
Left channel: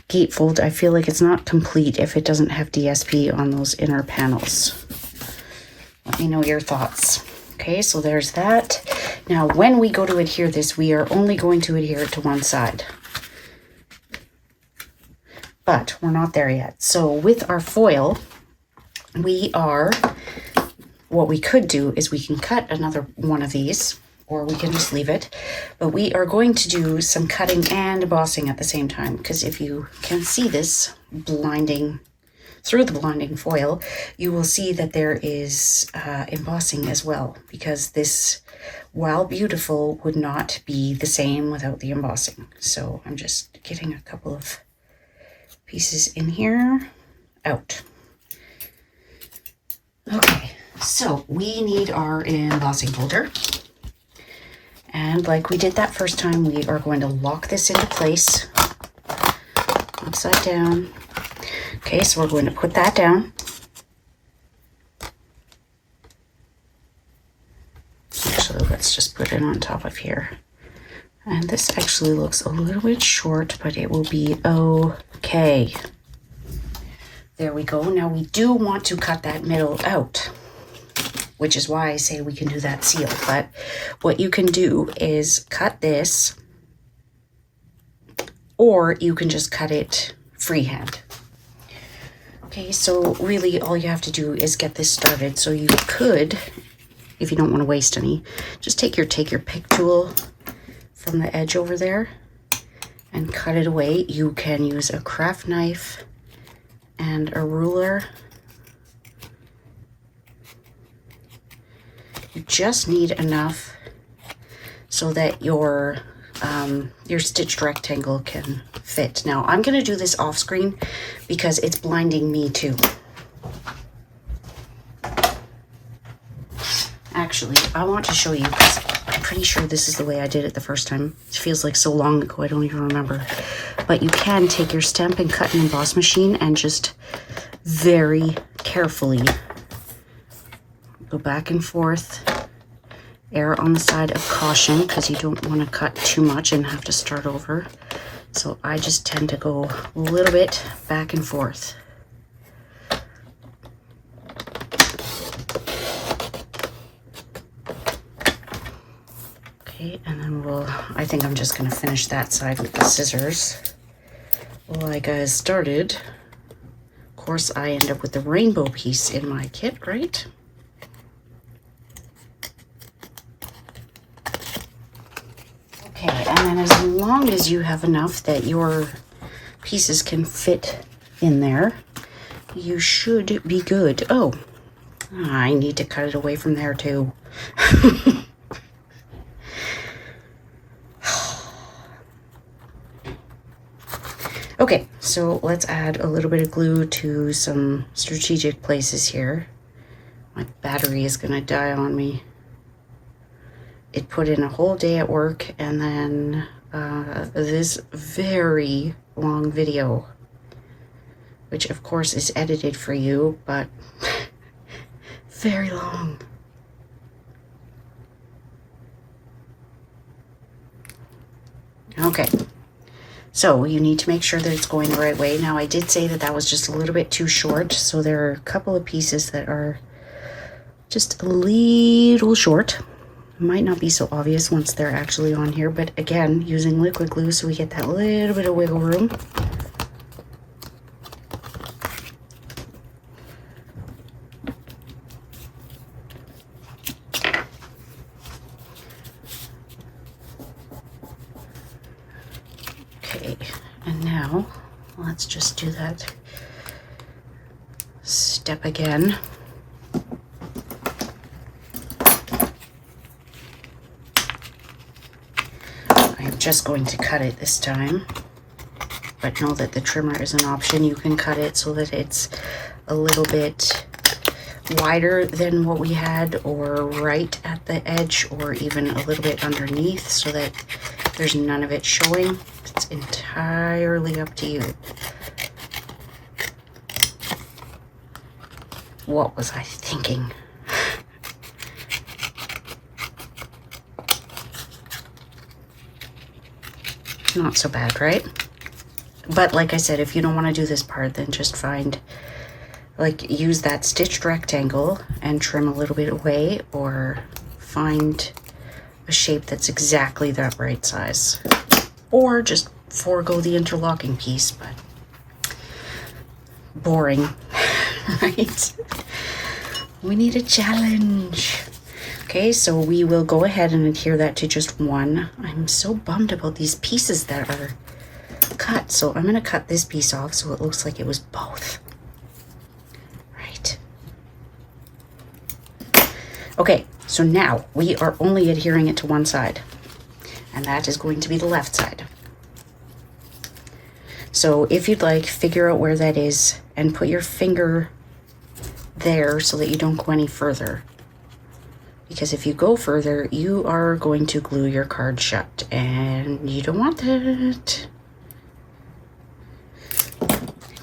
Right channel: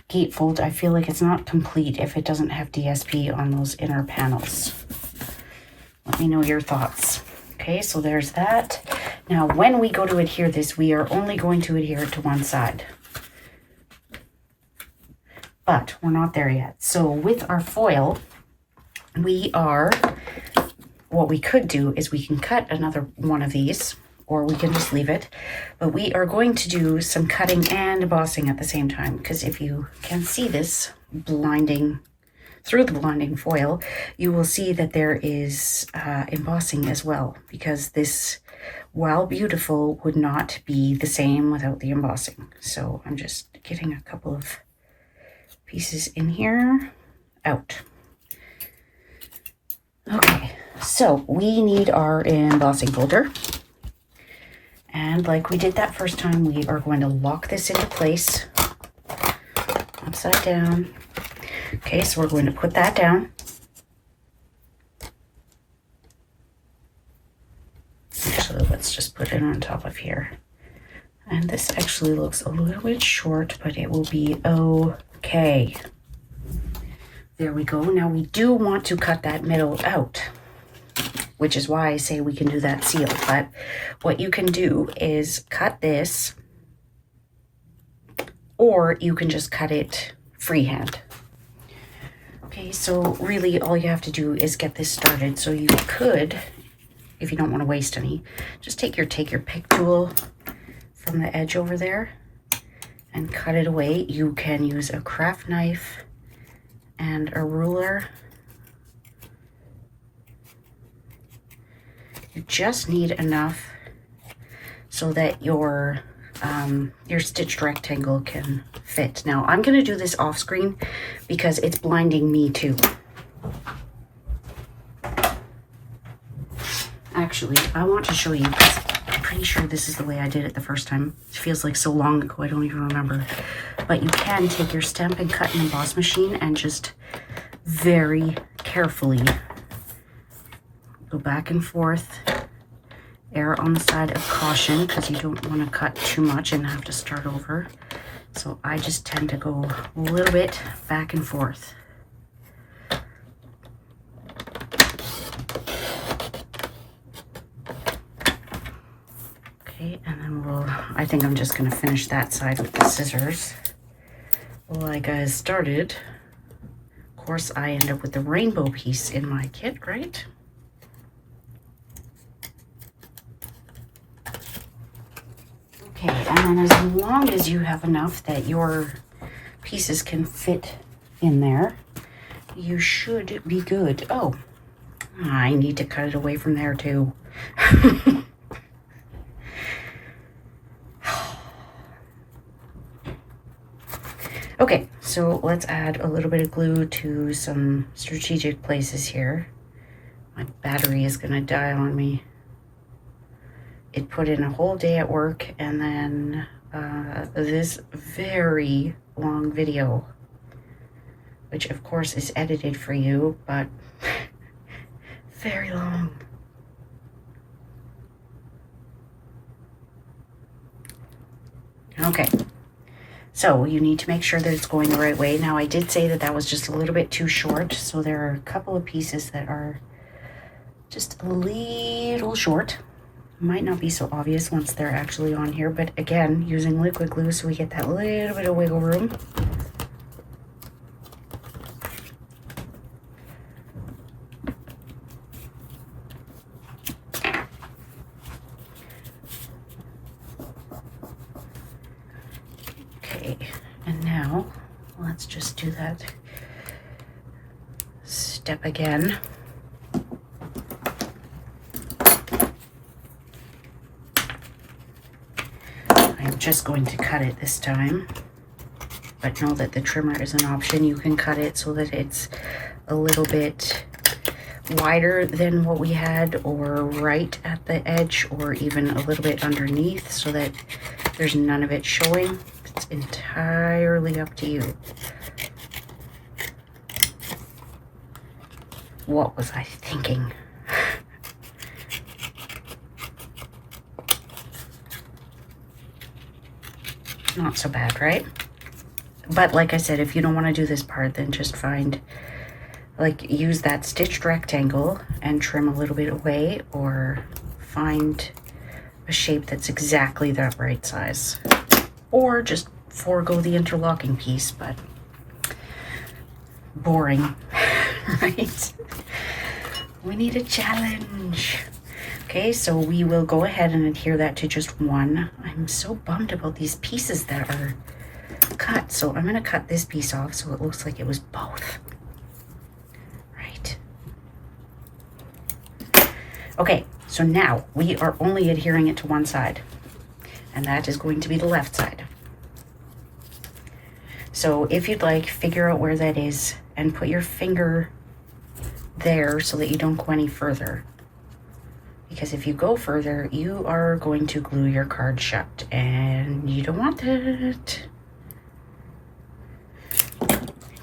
gatefold, I feel like it's not complete if it doesn't have DSP on those inner panels. Let me know your thoughts. Okay, so there's that. Now, when we go to adhere this, we are only going to adhere it to one side. But we're not there yet. So with our foil, what we could do is we can cut another one of these, or we can just leave it. But we are going to do some cutting and embossing at the same time, because if you can see this blinding through the blinding foil, you will see that there is embossing as well, because this, while beautiful, would not be the same without the embossing. So I'm just getting a couple of pieces in here, out. Okay, so we need our embossing folder. And like we did that first time, we are going to lock this into place, upside down. Okay, so we're going to put that down. Actually, let's just put it on top of here. And this actually looks a little bit short, but it will be okay. There we go. Now we do want to cut that middle out, which is why I say we can do that seal. But what you can do is cut this, or you can just cut it freehand. Okay, so really all you have to do is get this started. So you could, if you don't want to waste any, just take your pick tool from the edge over there and cut it away. You can use a craft knife and a ruler. You just need enough so that your stitched rectangle can fit. Now I'm going to do this off screen because it's blinding me too. Actually, I want to show you, because I'm pretty sure this is the way I did it the first time. It feels like so long ago, I don't even remember. But you can take your Stampin' Cut and Emboss machine and just very carefully Go back and forth. Err on the side of caution because you don't want to cut too much and have to start over. So I just tend to go a little bit back and forth. Okay, and then I think I'm just going to finish that side with the scissors. Like I started. Of course, I end up with the rainbow piece in my kit, right? Okay, and then as long as you have enough that your pieces can fit in there, you should be good. Oh, I need to cut it away from there too. Okay, so let's add a little bit of glue to some strategic places here. My battery is gonna die on me. It put in a whole day at work and then this very long video, which of course is edited for you, but very long. Okay, so you need to make sure that it's going the right way. Now I did say that that was just a little bit too short, so there are a couple of pieces that are just a little short. Might not be so obvious once they're actually on here, but again, using liquid glue so we get that little bit of wiggle room. Okay, and now let's just do that step again. I'm just going to cut it this time, but know that the trimmer is an option. You can cut it so that it's a little bit wider than what we had, or right at the edge, or even a little bit underneath so that there's none of it showing. It's entirely up to you. What was I thinking? Not so bad, right? But like I said, if you don't want to do this part, then just find, like, use that stitched rectangle and trim a little bit away, or find a shape that's exactly that right size, or just forego the interlocking piece. But boring, right? We need a challenge. Okay, so we will go ahead and adhere that to just one. I'm so bummed about these pieces that are cut, so I'm going to cut this piece off so it looks like it was both. Right. Okay, so now we are only adhering it to one side, and that is going to be the left side. So if you'd like, figure out where that is and put your finger there so that you don't go any further. Because if you go further, you are going to glue your card shut, and you don't want that.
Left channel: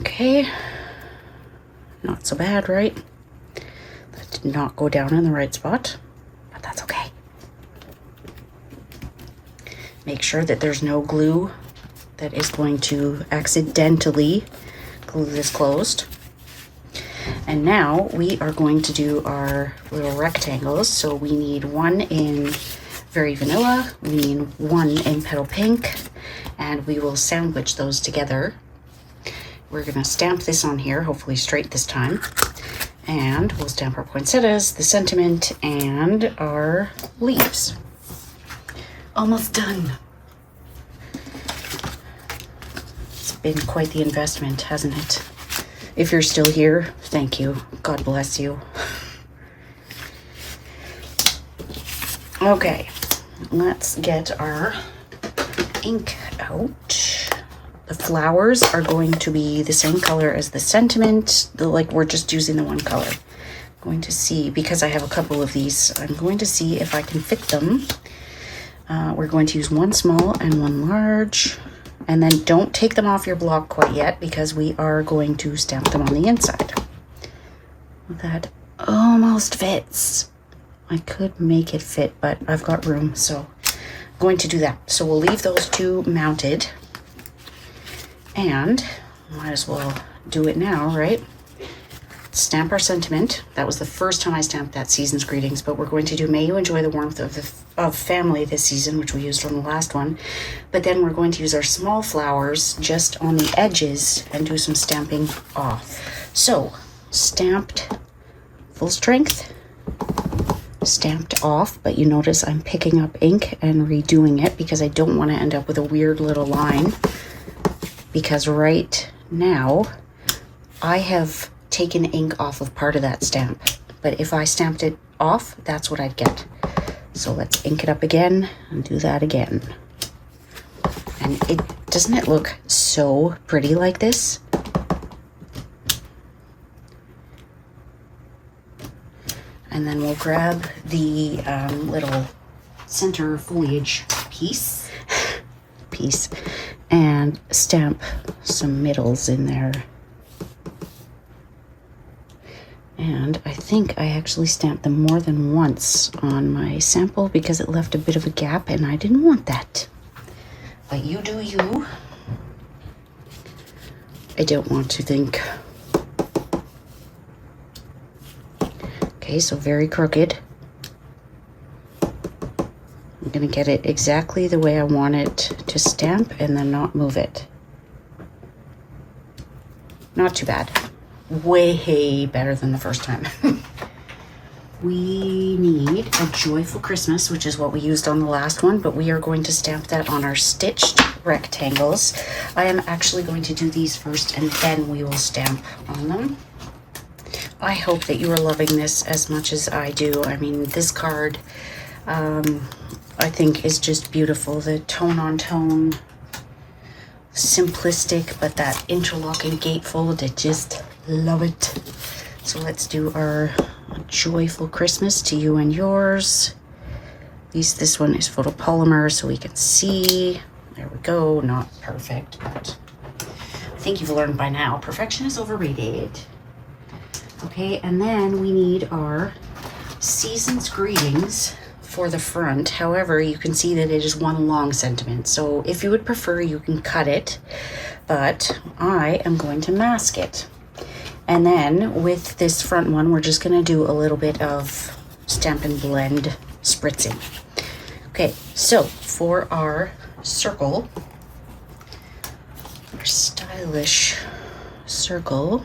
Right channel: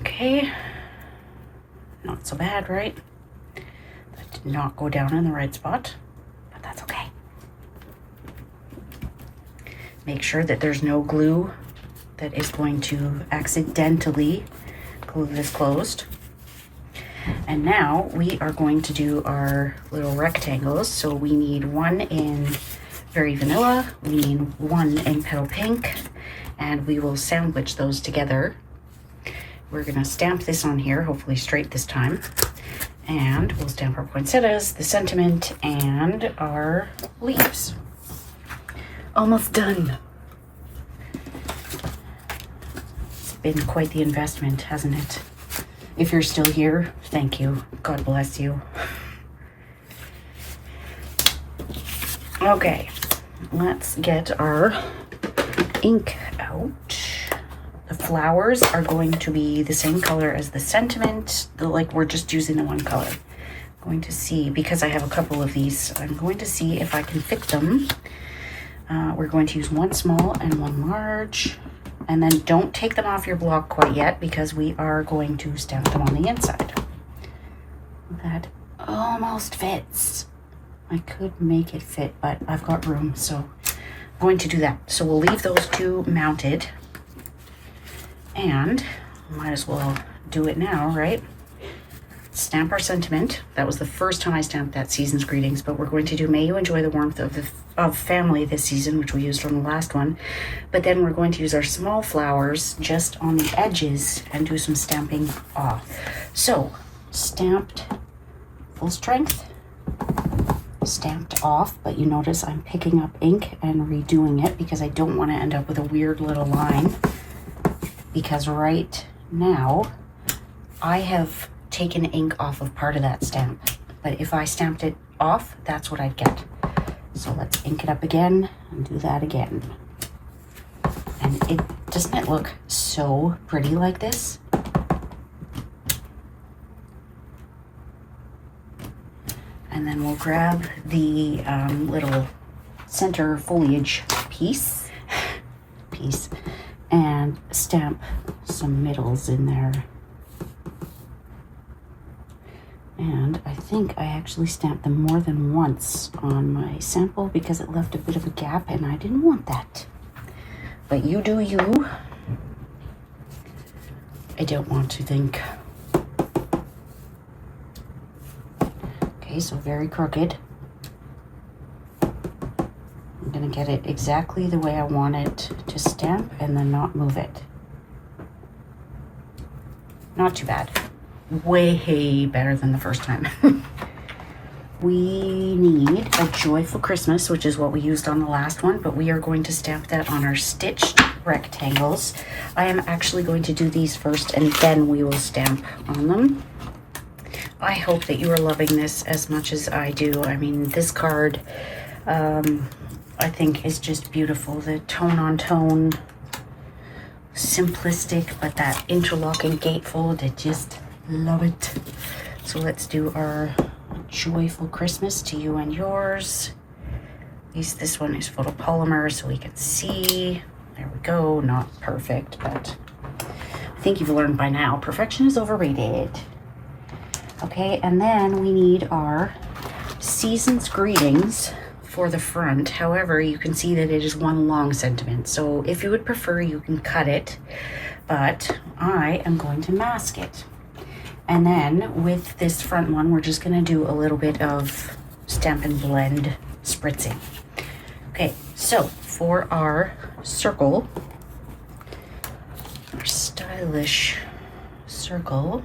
Okay. Not so bad, right? That did not go down in the right spot, but that's okay. Make sure that there's no glue that is going to accidentally glue this closed. And now we are going to do our little rectangles. So we need one in Very Vanilla, we need one in Petal Pink, and we will sandwich those together. We're gonna stamp this on here, hopefully straight this time. And we'll stamp our poinsettias, the sentiment, and our leaves. Almost done. It's been quite the investment, hasn't it? If you're still here, thank you. God bless you. Okay, let's get our ink out. The flowers are going to be the same color as the sentiment. Like, we're just using the one color. I'm going to see, because I have a couple of these, I'm going to see if I can fit them. We're going to use one small and one large. And then don't take them off your block quite yet, because we are going to stamp them on the inside. That almost almost fits. I could make it fit, but I've got room, so I'm going to do that. So we'll leave those two mounted, and might as well do it now, right? Stamp our sentiment. That was the first time I stamped that season's greetings, but we're going to do may you enjoy the warmth of family this season, which we used from the last one. But then we're going to use our small flowers just on the edges and do some stamping off. So stamped full strength, stamped off, but you notice I'm picking up ink and redoing it because I don't want to end up with a weird little line, because right now I have taken ink off of part of that stamp, but if I stamped it off, that's what I'd get. So let's ink it up again and do that again. And doesn't it look so pretty like this? And then we'll grab the little center foliage piece and stamp some middles in there. And I think I actually stamped them more than once on my sample because it left a bit of a gap and I didn't want that. But you do you. I don't want to think. Okay, so very crooked. I'm gonna get it exactly the way I want it to stamp and then not move it. Not too bad. Way better than the first time. We need a joyful Christmas, which is what we used on the last one, but we are going to stamp that on our stitched rectangles. I am actually going to do these first and then we will stamp on them. I hope that you are loving this as much as I do. I mean, this card I think is just beautiful. The tone on tone, simplistic, but that interlocking gatefold, it just love it. So let's do our joyful Christmas to you and yours. At least this one is photopolymer so we can see. There we go. Not perfect, but I think you've learned by now perfection is overrated. Okay, and then we need our season's greetings for the front. However, you can see that it is one long sentiment, so if you would prefer, you can cut it, but I am going to mask it. And then with this front one, we're just gonna do a little bit of Stampin' Blend spritzing. Okay, so for our circle, our stylish circle,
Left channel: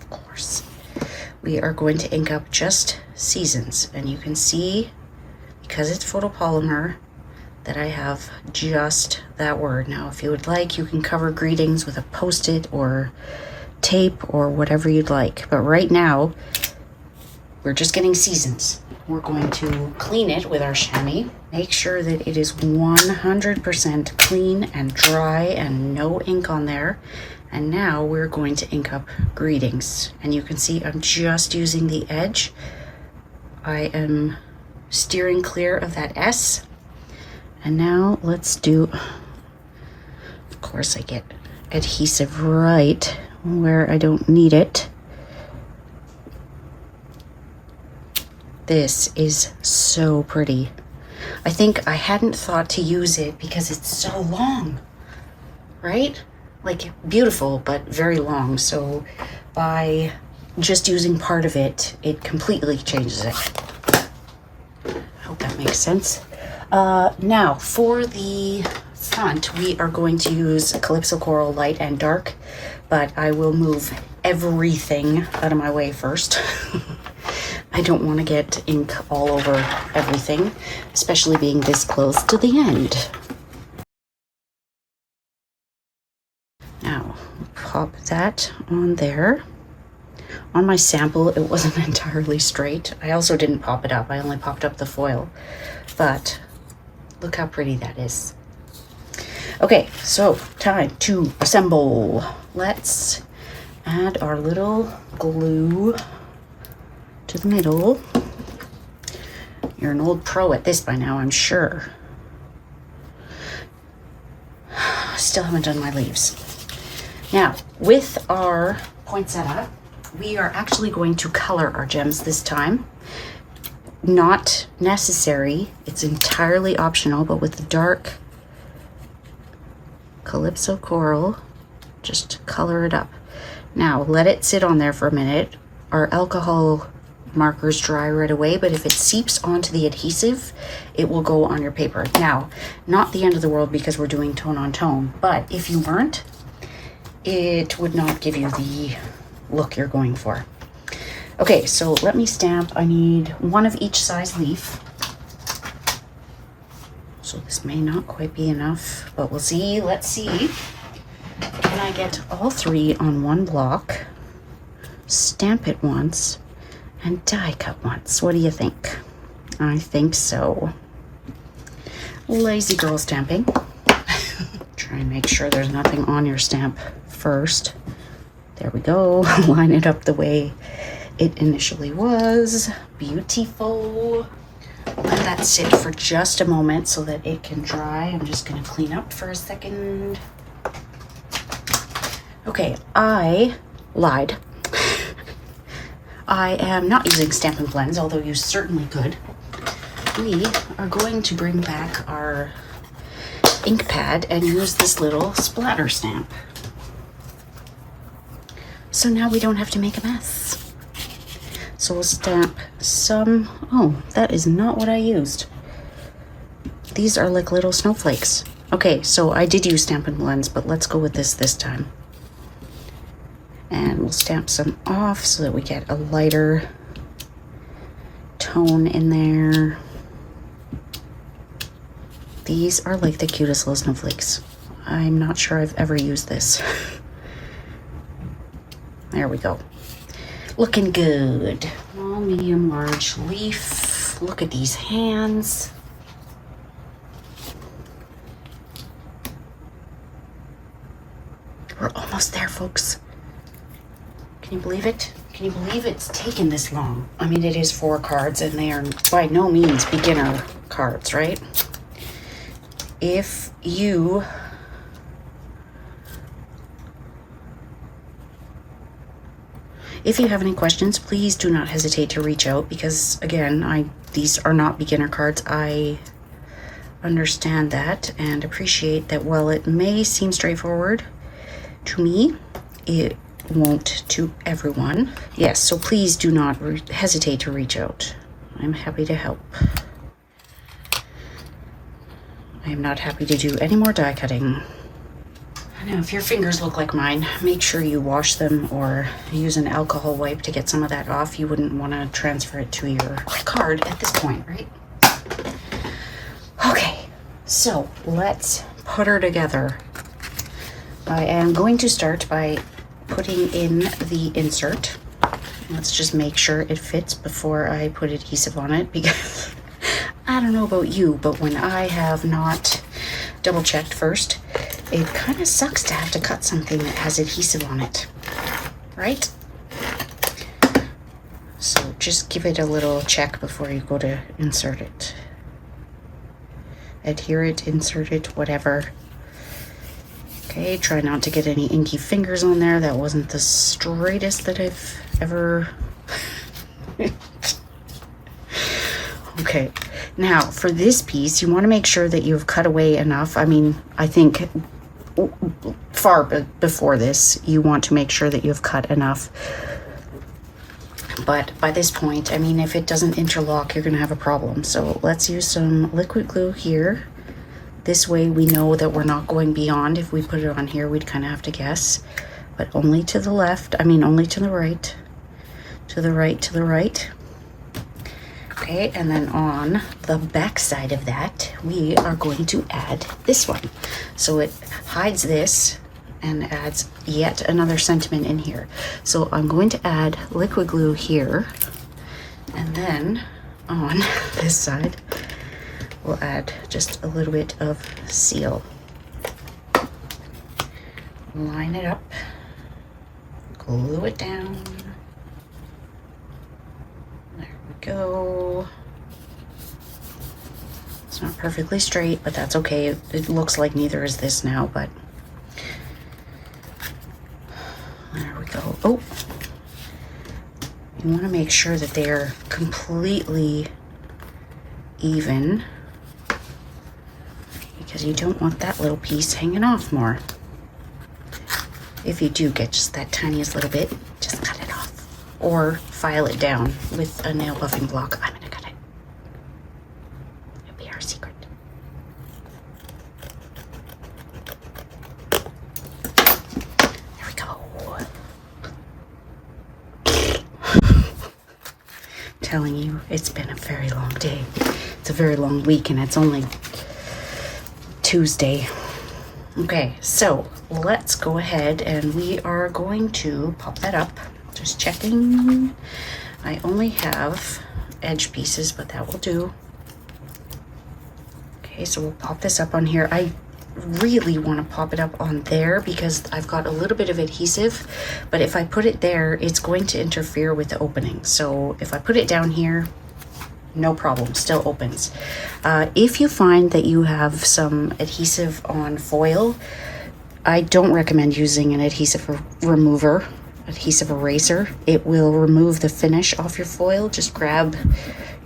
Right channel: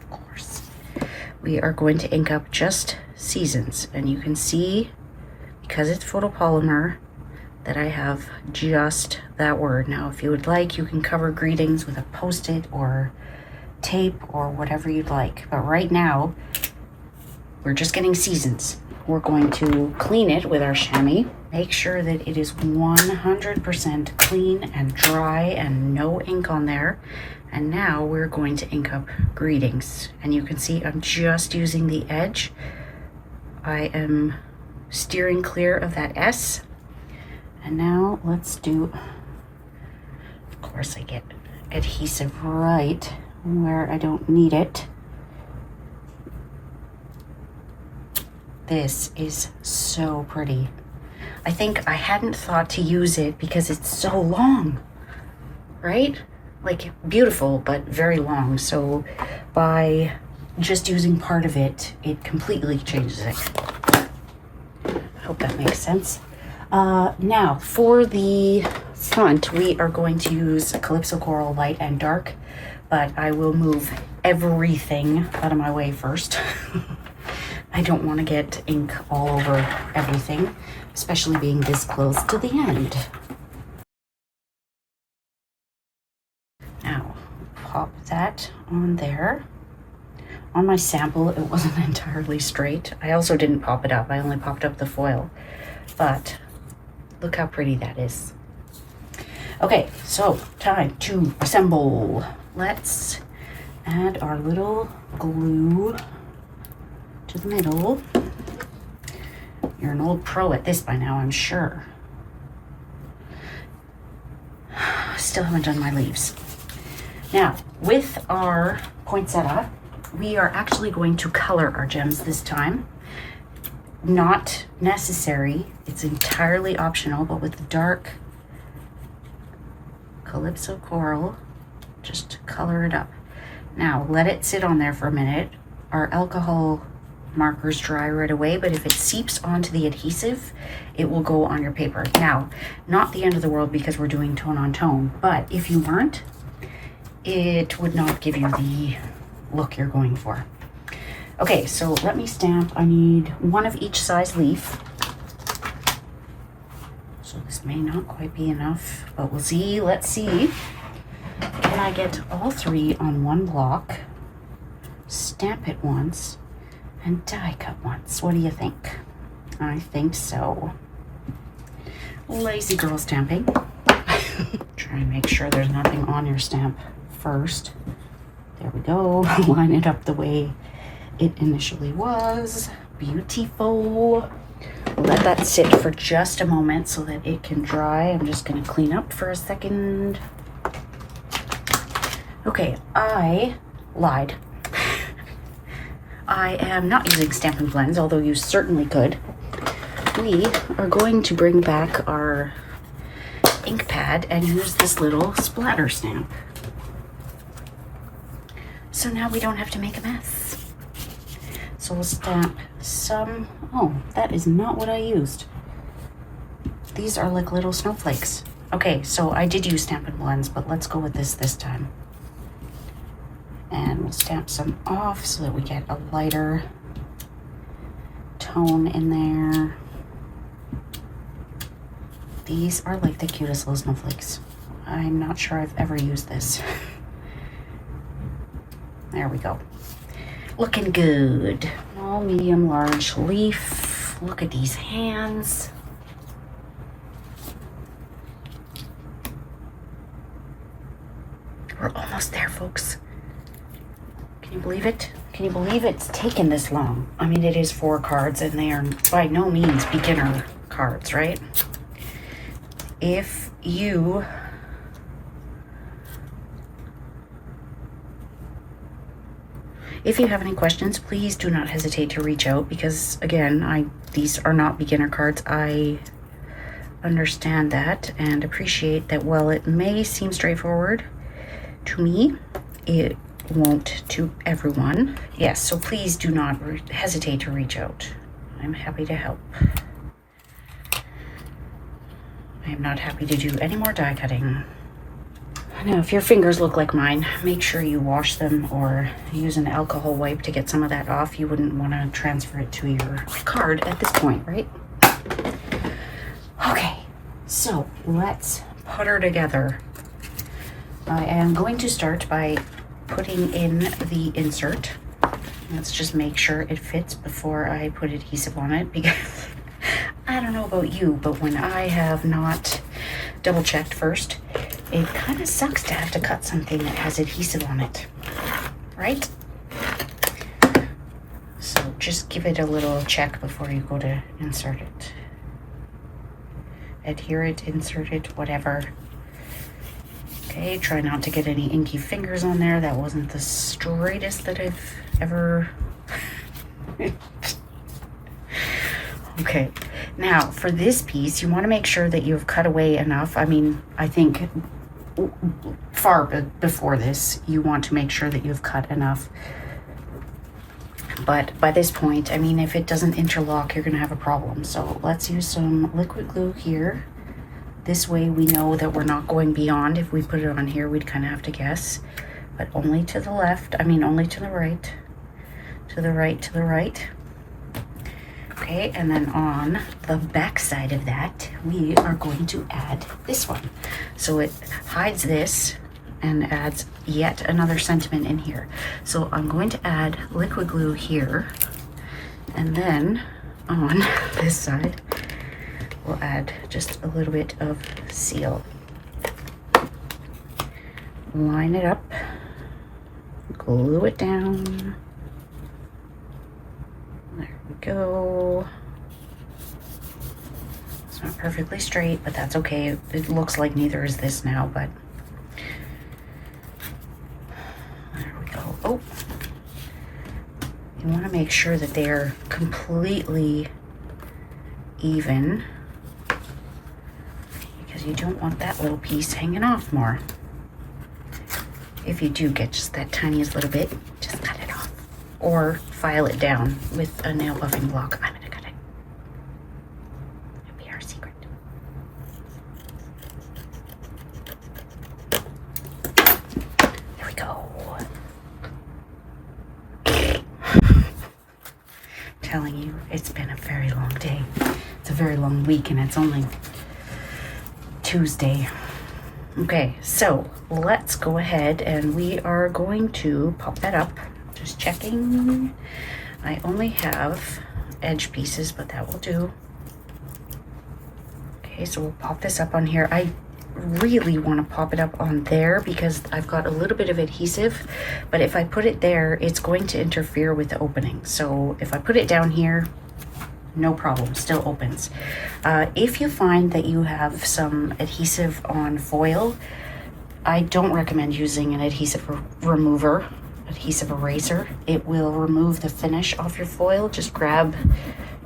of course, we are going to ink up just seasons. And you can see, because it's photopolymer, that I have just that word. Now, if you would like, you can cover greetings with a Post-it or tape or whatever you'd like, but right now we're just getting seasons. We're going to clean it with our chamois, make sure that it is 100% clean and dry and no ink on there. And now we're going to ink up greetings, and you can see I'm just using the edge. I am steering clear of that S. And now let's do, of course I get adhesive right where I don't need it. This is so pretty. I think I hadn't thought to use it because it's so long, right? Like beautiful, but very long. So by just using part of it, it completely changes it. I hope that makes sense. Now for the front, we are going to use Calypso Coral Light and Dark, but I will move everything out of my way first. I don't want to get ink all over everything, especially being this close to the end. Now, pop that on there. On my sample, it wasn't entirely straight. I also didn't pop it up. I only popped up the foil, but look how pretty that is. Okay, so time to assemble. Let's add our little glue to the middle. You're an old pro at this by now, I'm sure. Still haven't done my leaves. Now, with our poinsettia, we are actually going to color our gems this time. Not necessary, it's entirely optional, but with the dark Calypso Coral, just color it up. Now let it sit on there for a minute. Our alcohol markers dry right away, but if it seeps onto the adhesive, it will go on your paper. Now, not the end of the world because we're doing tone on tone, but if you weren't, it would not give you the look you're going for. Okay, so let me stamp. I need one of each size leaf. So this may not quite be enough, but we'll see. Let's see. Can I get all three on one block, stamp it once, and die cut once? What do you think? I think so. Lazy girl stamping. Try and make sure there's nothing on your stamp first. There we go. Line it up the way it initially was. Beautiful. Let that sit for just a moment so that it can dry. I'm just going to clean up for a second. Okay, I lied. I am not using Stampin' Blends, although you certainly could. We are going to bring back our ink pad and use this little splatter stamp. So now we don't have to make a mess. So we'll stamp some, oh, that is not what I used. These are like little snowflakes. Okay, so I did use Stampin' Blends, but let's go with this time. And we'll stamp some off so that we get a lighter tone in there. These are like the cutest little snowflakes. I'm not sure I've ever used this. There we go. Looking good. Small, medium, large leaf. Look at these hands. We're almost there, folks. Can you believe it? Can you believe it's taken this long? I mean, it is 4 cards and they are by no means beginner cards, right? If you have any questions, please do not hesitate to reach out because, again, these are not beginner cards. I understand that and appreciate that while it may seem straightforward to me, it won't to everyone. Yes, so please do not hesitate to reach out. I'm happy to help. I am not happy to do any more die cutting. Now, if your fingers look like mine, make sure you wash them or use an alcohol wipe to get some of that off. You wouldn't want to transfer it to your card at this point, right? Okay, so let's put her together. I am going to start by putting in the insert. Let's just make sure it fits before I put adhesive on it because I don't know about you, but when I have not double checked first, it kind of sucks to have to cut something that has adhesive on it, right? So just give it a little check before you go to insert it. Adhere it, insert it, whatever. Okay, try not to get any inky fingers on there. That wasn't the straightest that I've ever... Okay, now for this piece, you want to make sure that you've cut away enough. I mean, I think far before this, you want to make sure that you've cut enough. But by this point, I mean, if it doesn't interlock, you're going to have a problem. So let's use some liquid glue here. This way we know that we're not going beyond. If we put it on here, we'd kind of have to guess. But only to the left, I mean, only to the right. To the right, to the right. Okay, and then on the back side of that, we are going to add this one. So it hides this and adds yet another sentiment in here. So I'm going to add liquid glue here, and then on this side, we'll add just a little bit of seal. Line it up, glue it down. There we go. It's not perfectly straight, but that's okay. It looks like neither is this now, but there we go. Oh, You want to make sure that they're completely even, because you don't want that little piece hanging off more. If you do get just that tiniest little bit, just cut it off or file it down with a nail buffing block. I'm gonna cut it. It'll be our secret. There we go. Telling you, it's been a very long day. It's a very long week and it's only Tuesday. Okay, so let's go ahead and we are going to pop that up. Just checking. I only have edge pieces, but that will do. Okay, so we'll pop this up on here. I really want to pop it up on there because I've got a little bit of adhesive, but if I put it there, it's going to interfere with the opening. So if I put it down here, no problem, still opens. If you find that you have some adhesive on foil, I don't recommend using an adhesive remover, adhesive eraser. It will remove the finish off your foil. Just grab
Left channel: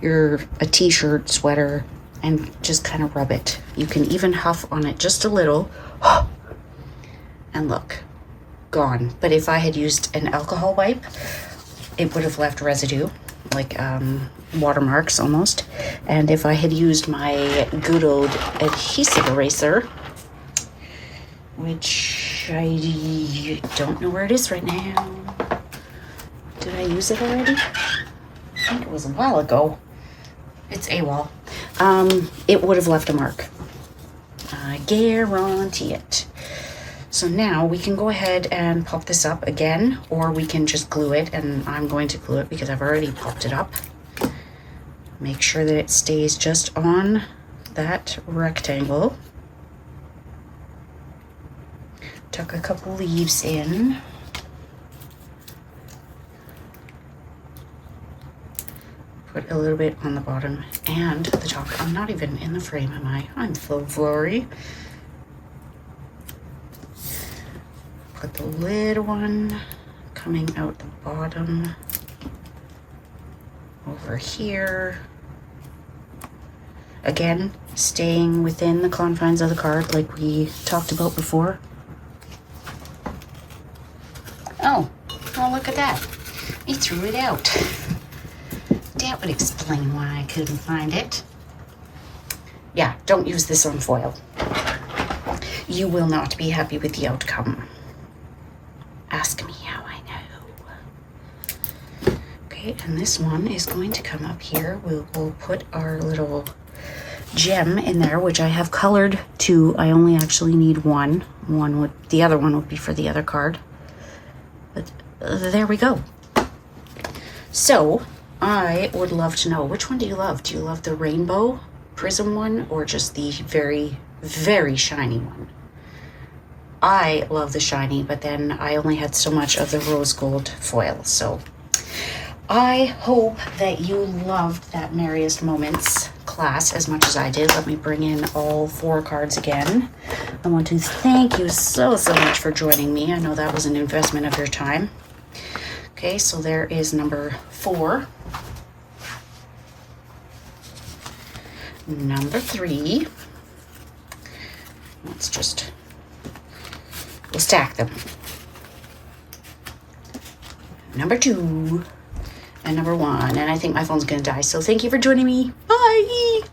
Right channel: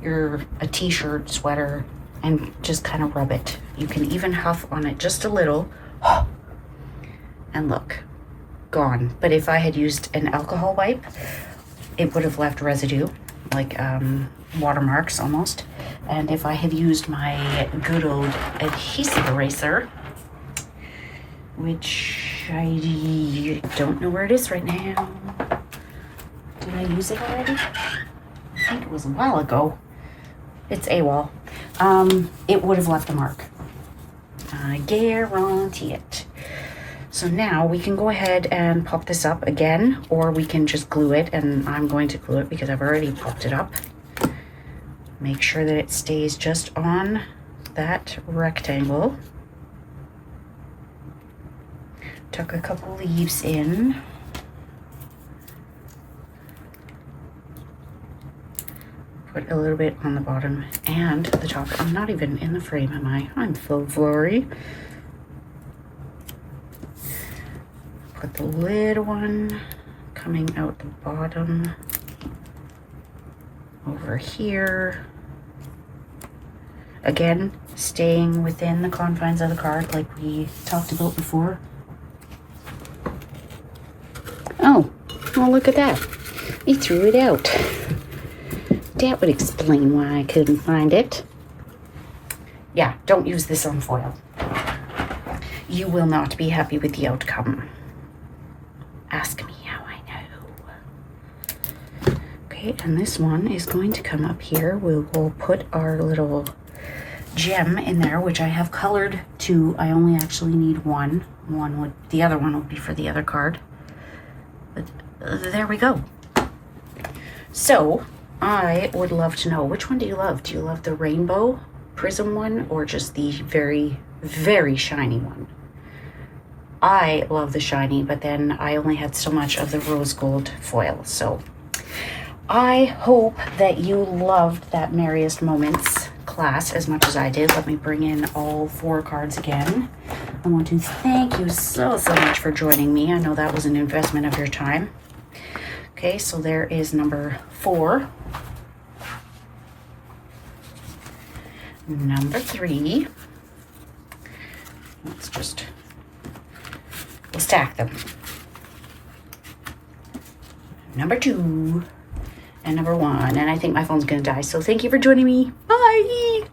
a t-shirt, sweater, and just kind of rub it. You can even huff on it just a little, and look, gone. But if I had used an alcohol wipe, it would have left residue, like watermarks almost. And if I had used my good old adhesive eraser, which I don't know where it is right now. Did I use it already? I think it was a while ago. It's AWOL. It would have left a mark. I guarantee it. So now we can go ahead and pop this up again, or we can just glue it, and I'm going to glue it because I've already popped it up. Make sure that it stays just on that rectangle. Tuck a couple leaves in. Put a little bit on the bottom and the top. I'm not even in the frame, am I? I'm so sorry. Put the little one coming out the bottom over here. Again, staying within the confines of the card like we talked about before. Oh, look at that. He threw it out. That would explain why I couldn't find it. Yeah, don't use this on foil. You will not be happy with the outcome. Ask me how I know. Okay, and this one is going to come up here. We'll put our little gem in there, which I have colored to. I only actually need one. The other one would be for the other card. But there we go. So I would love to know, which one do you love? Do you love the rainbow prism one or just the very, very shiny one? I love the shiny, but then I only had so much of the rose gold foil. So I hope that you loved that Merriest Moments class as much as I did. Let me bring in all 4 cards again. I want to thank you so much for joining me. I know that was an investment of your time. Okay, so there is number 4. Number 3. We'll stack them. Number 2 and number 1. And I think my phone's gonna die. So thank you for joining me. Bye.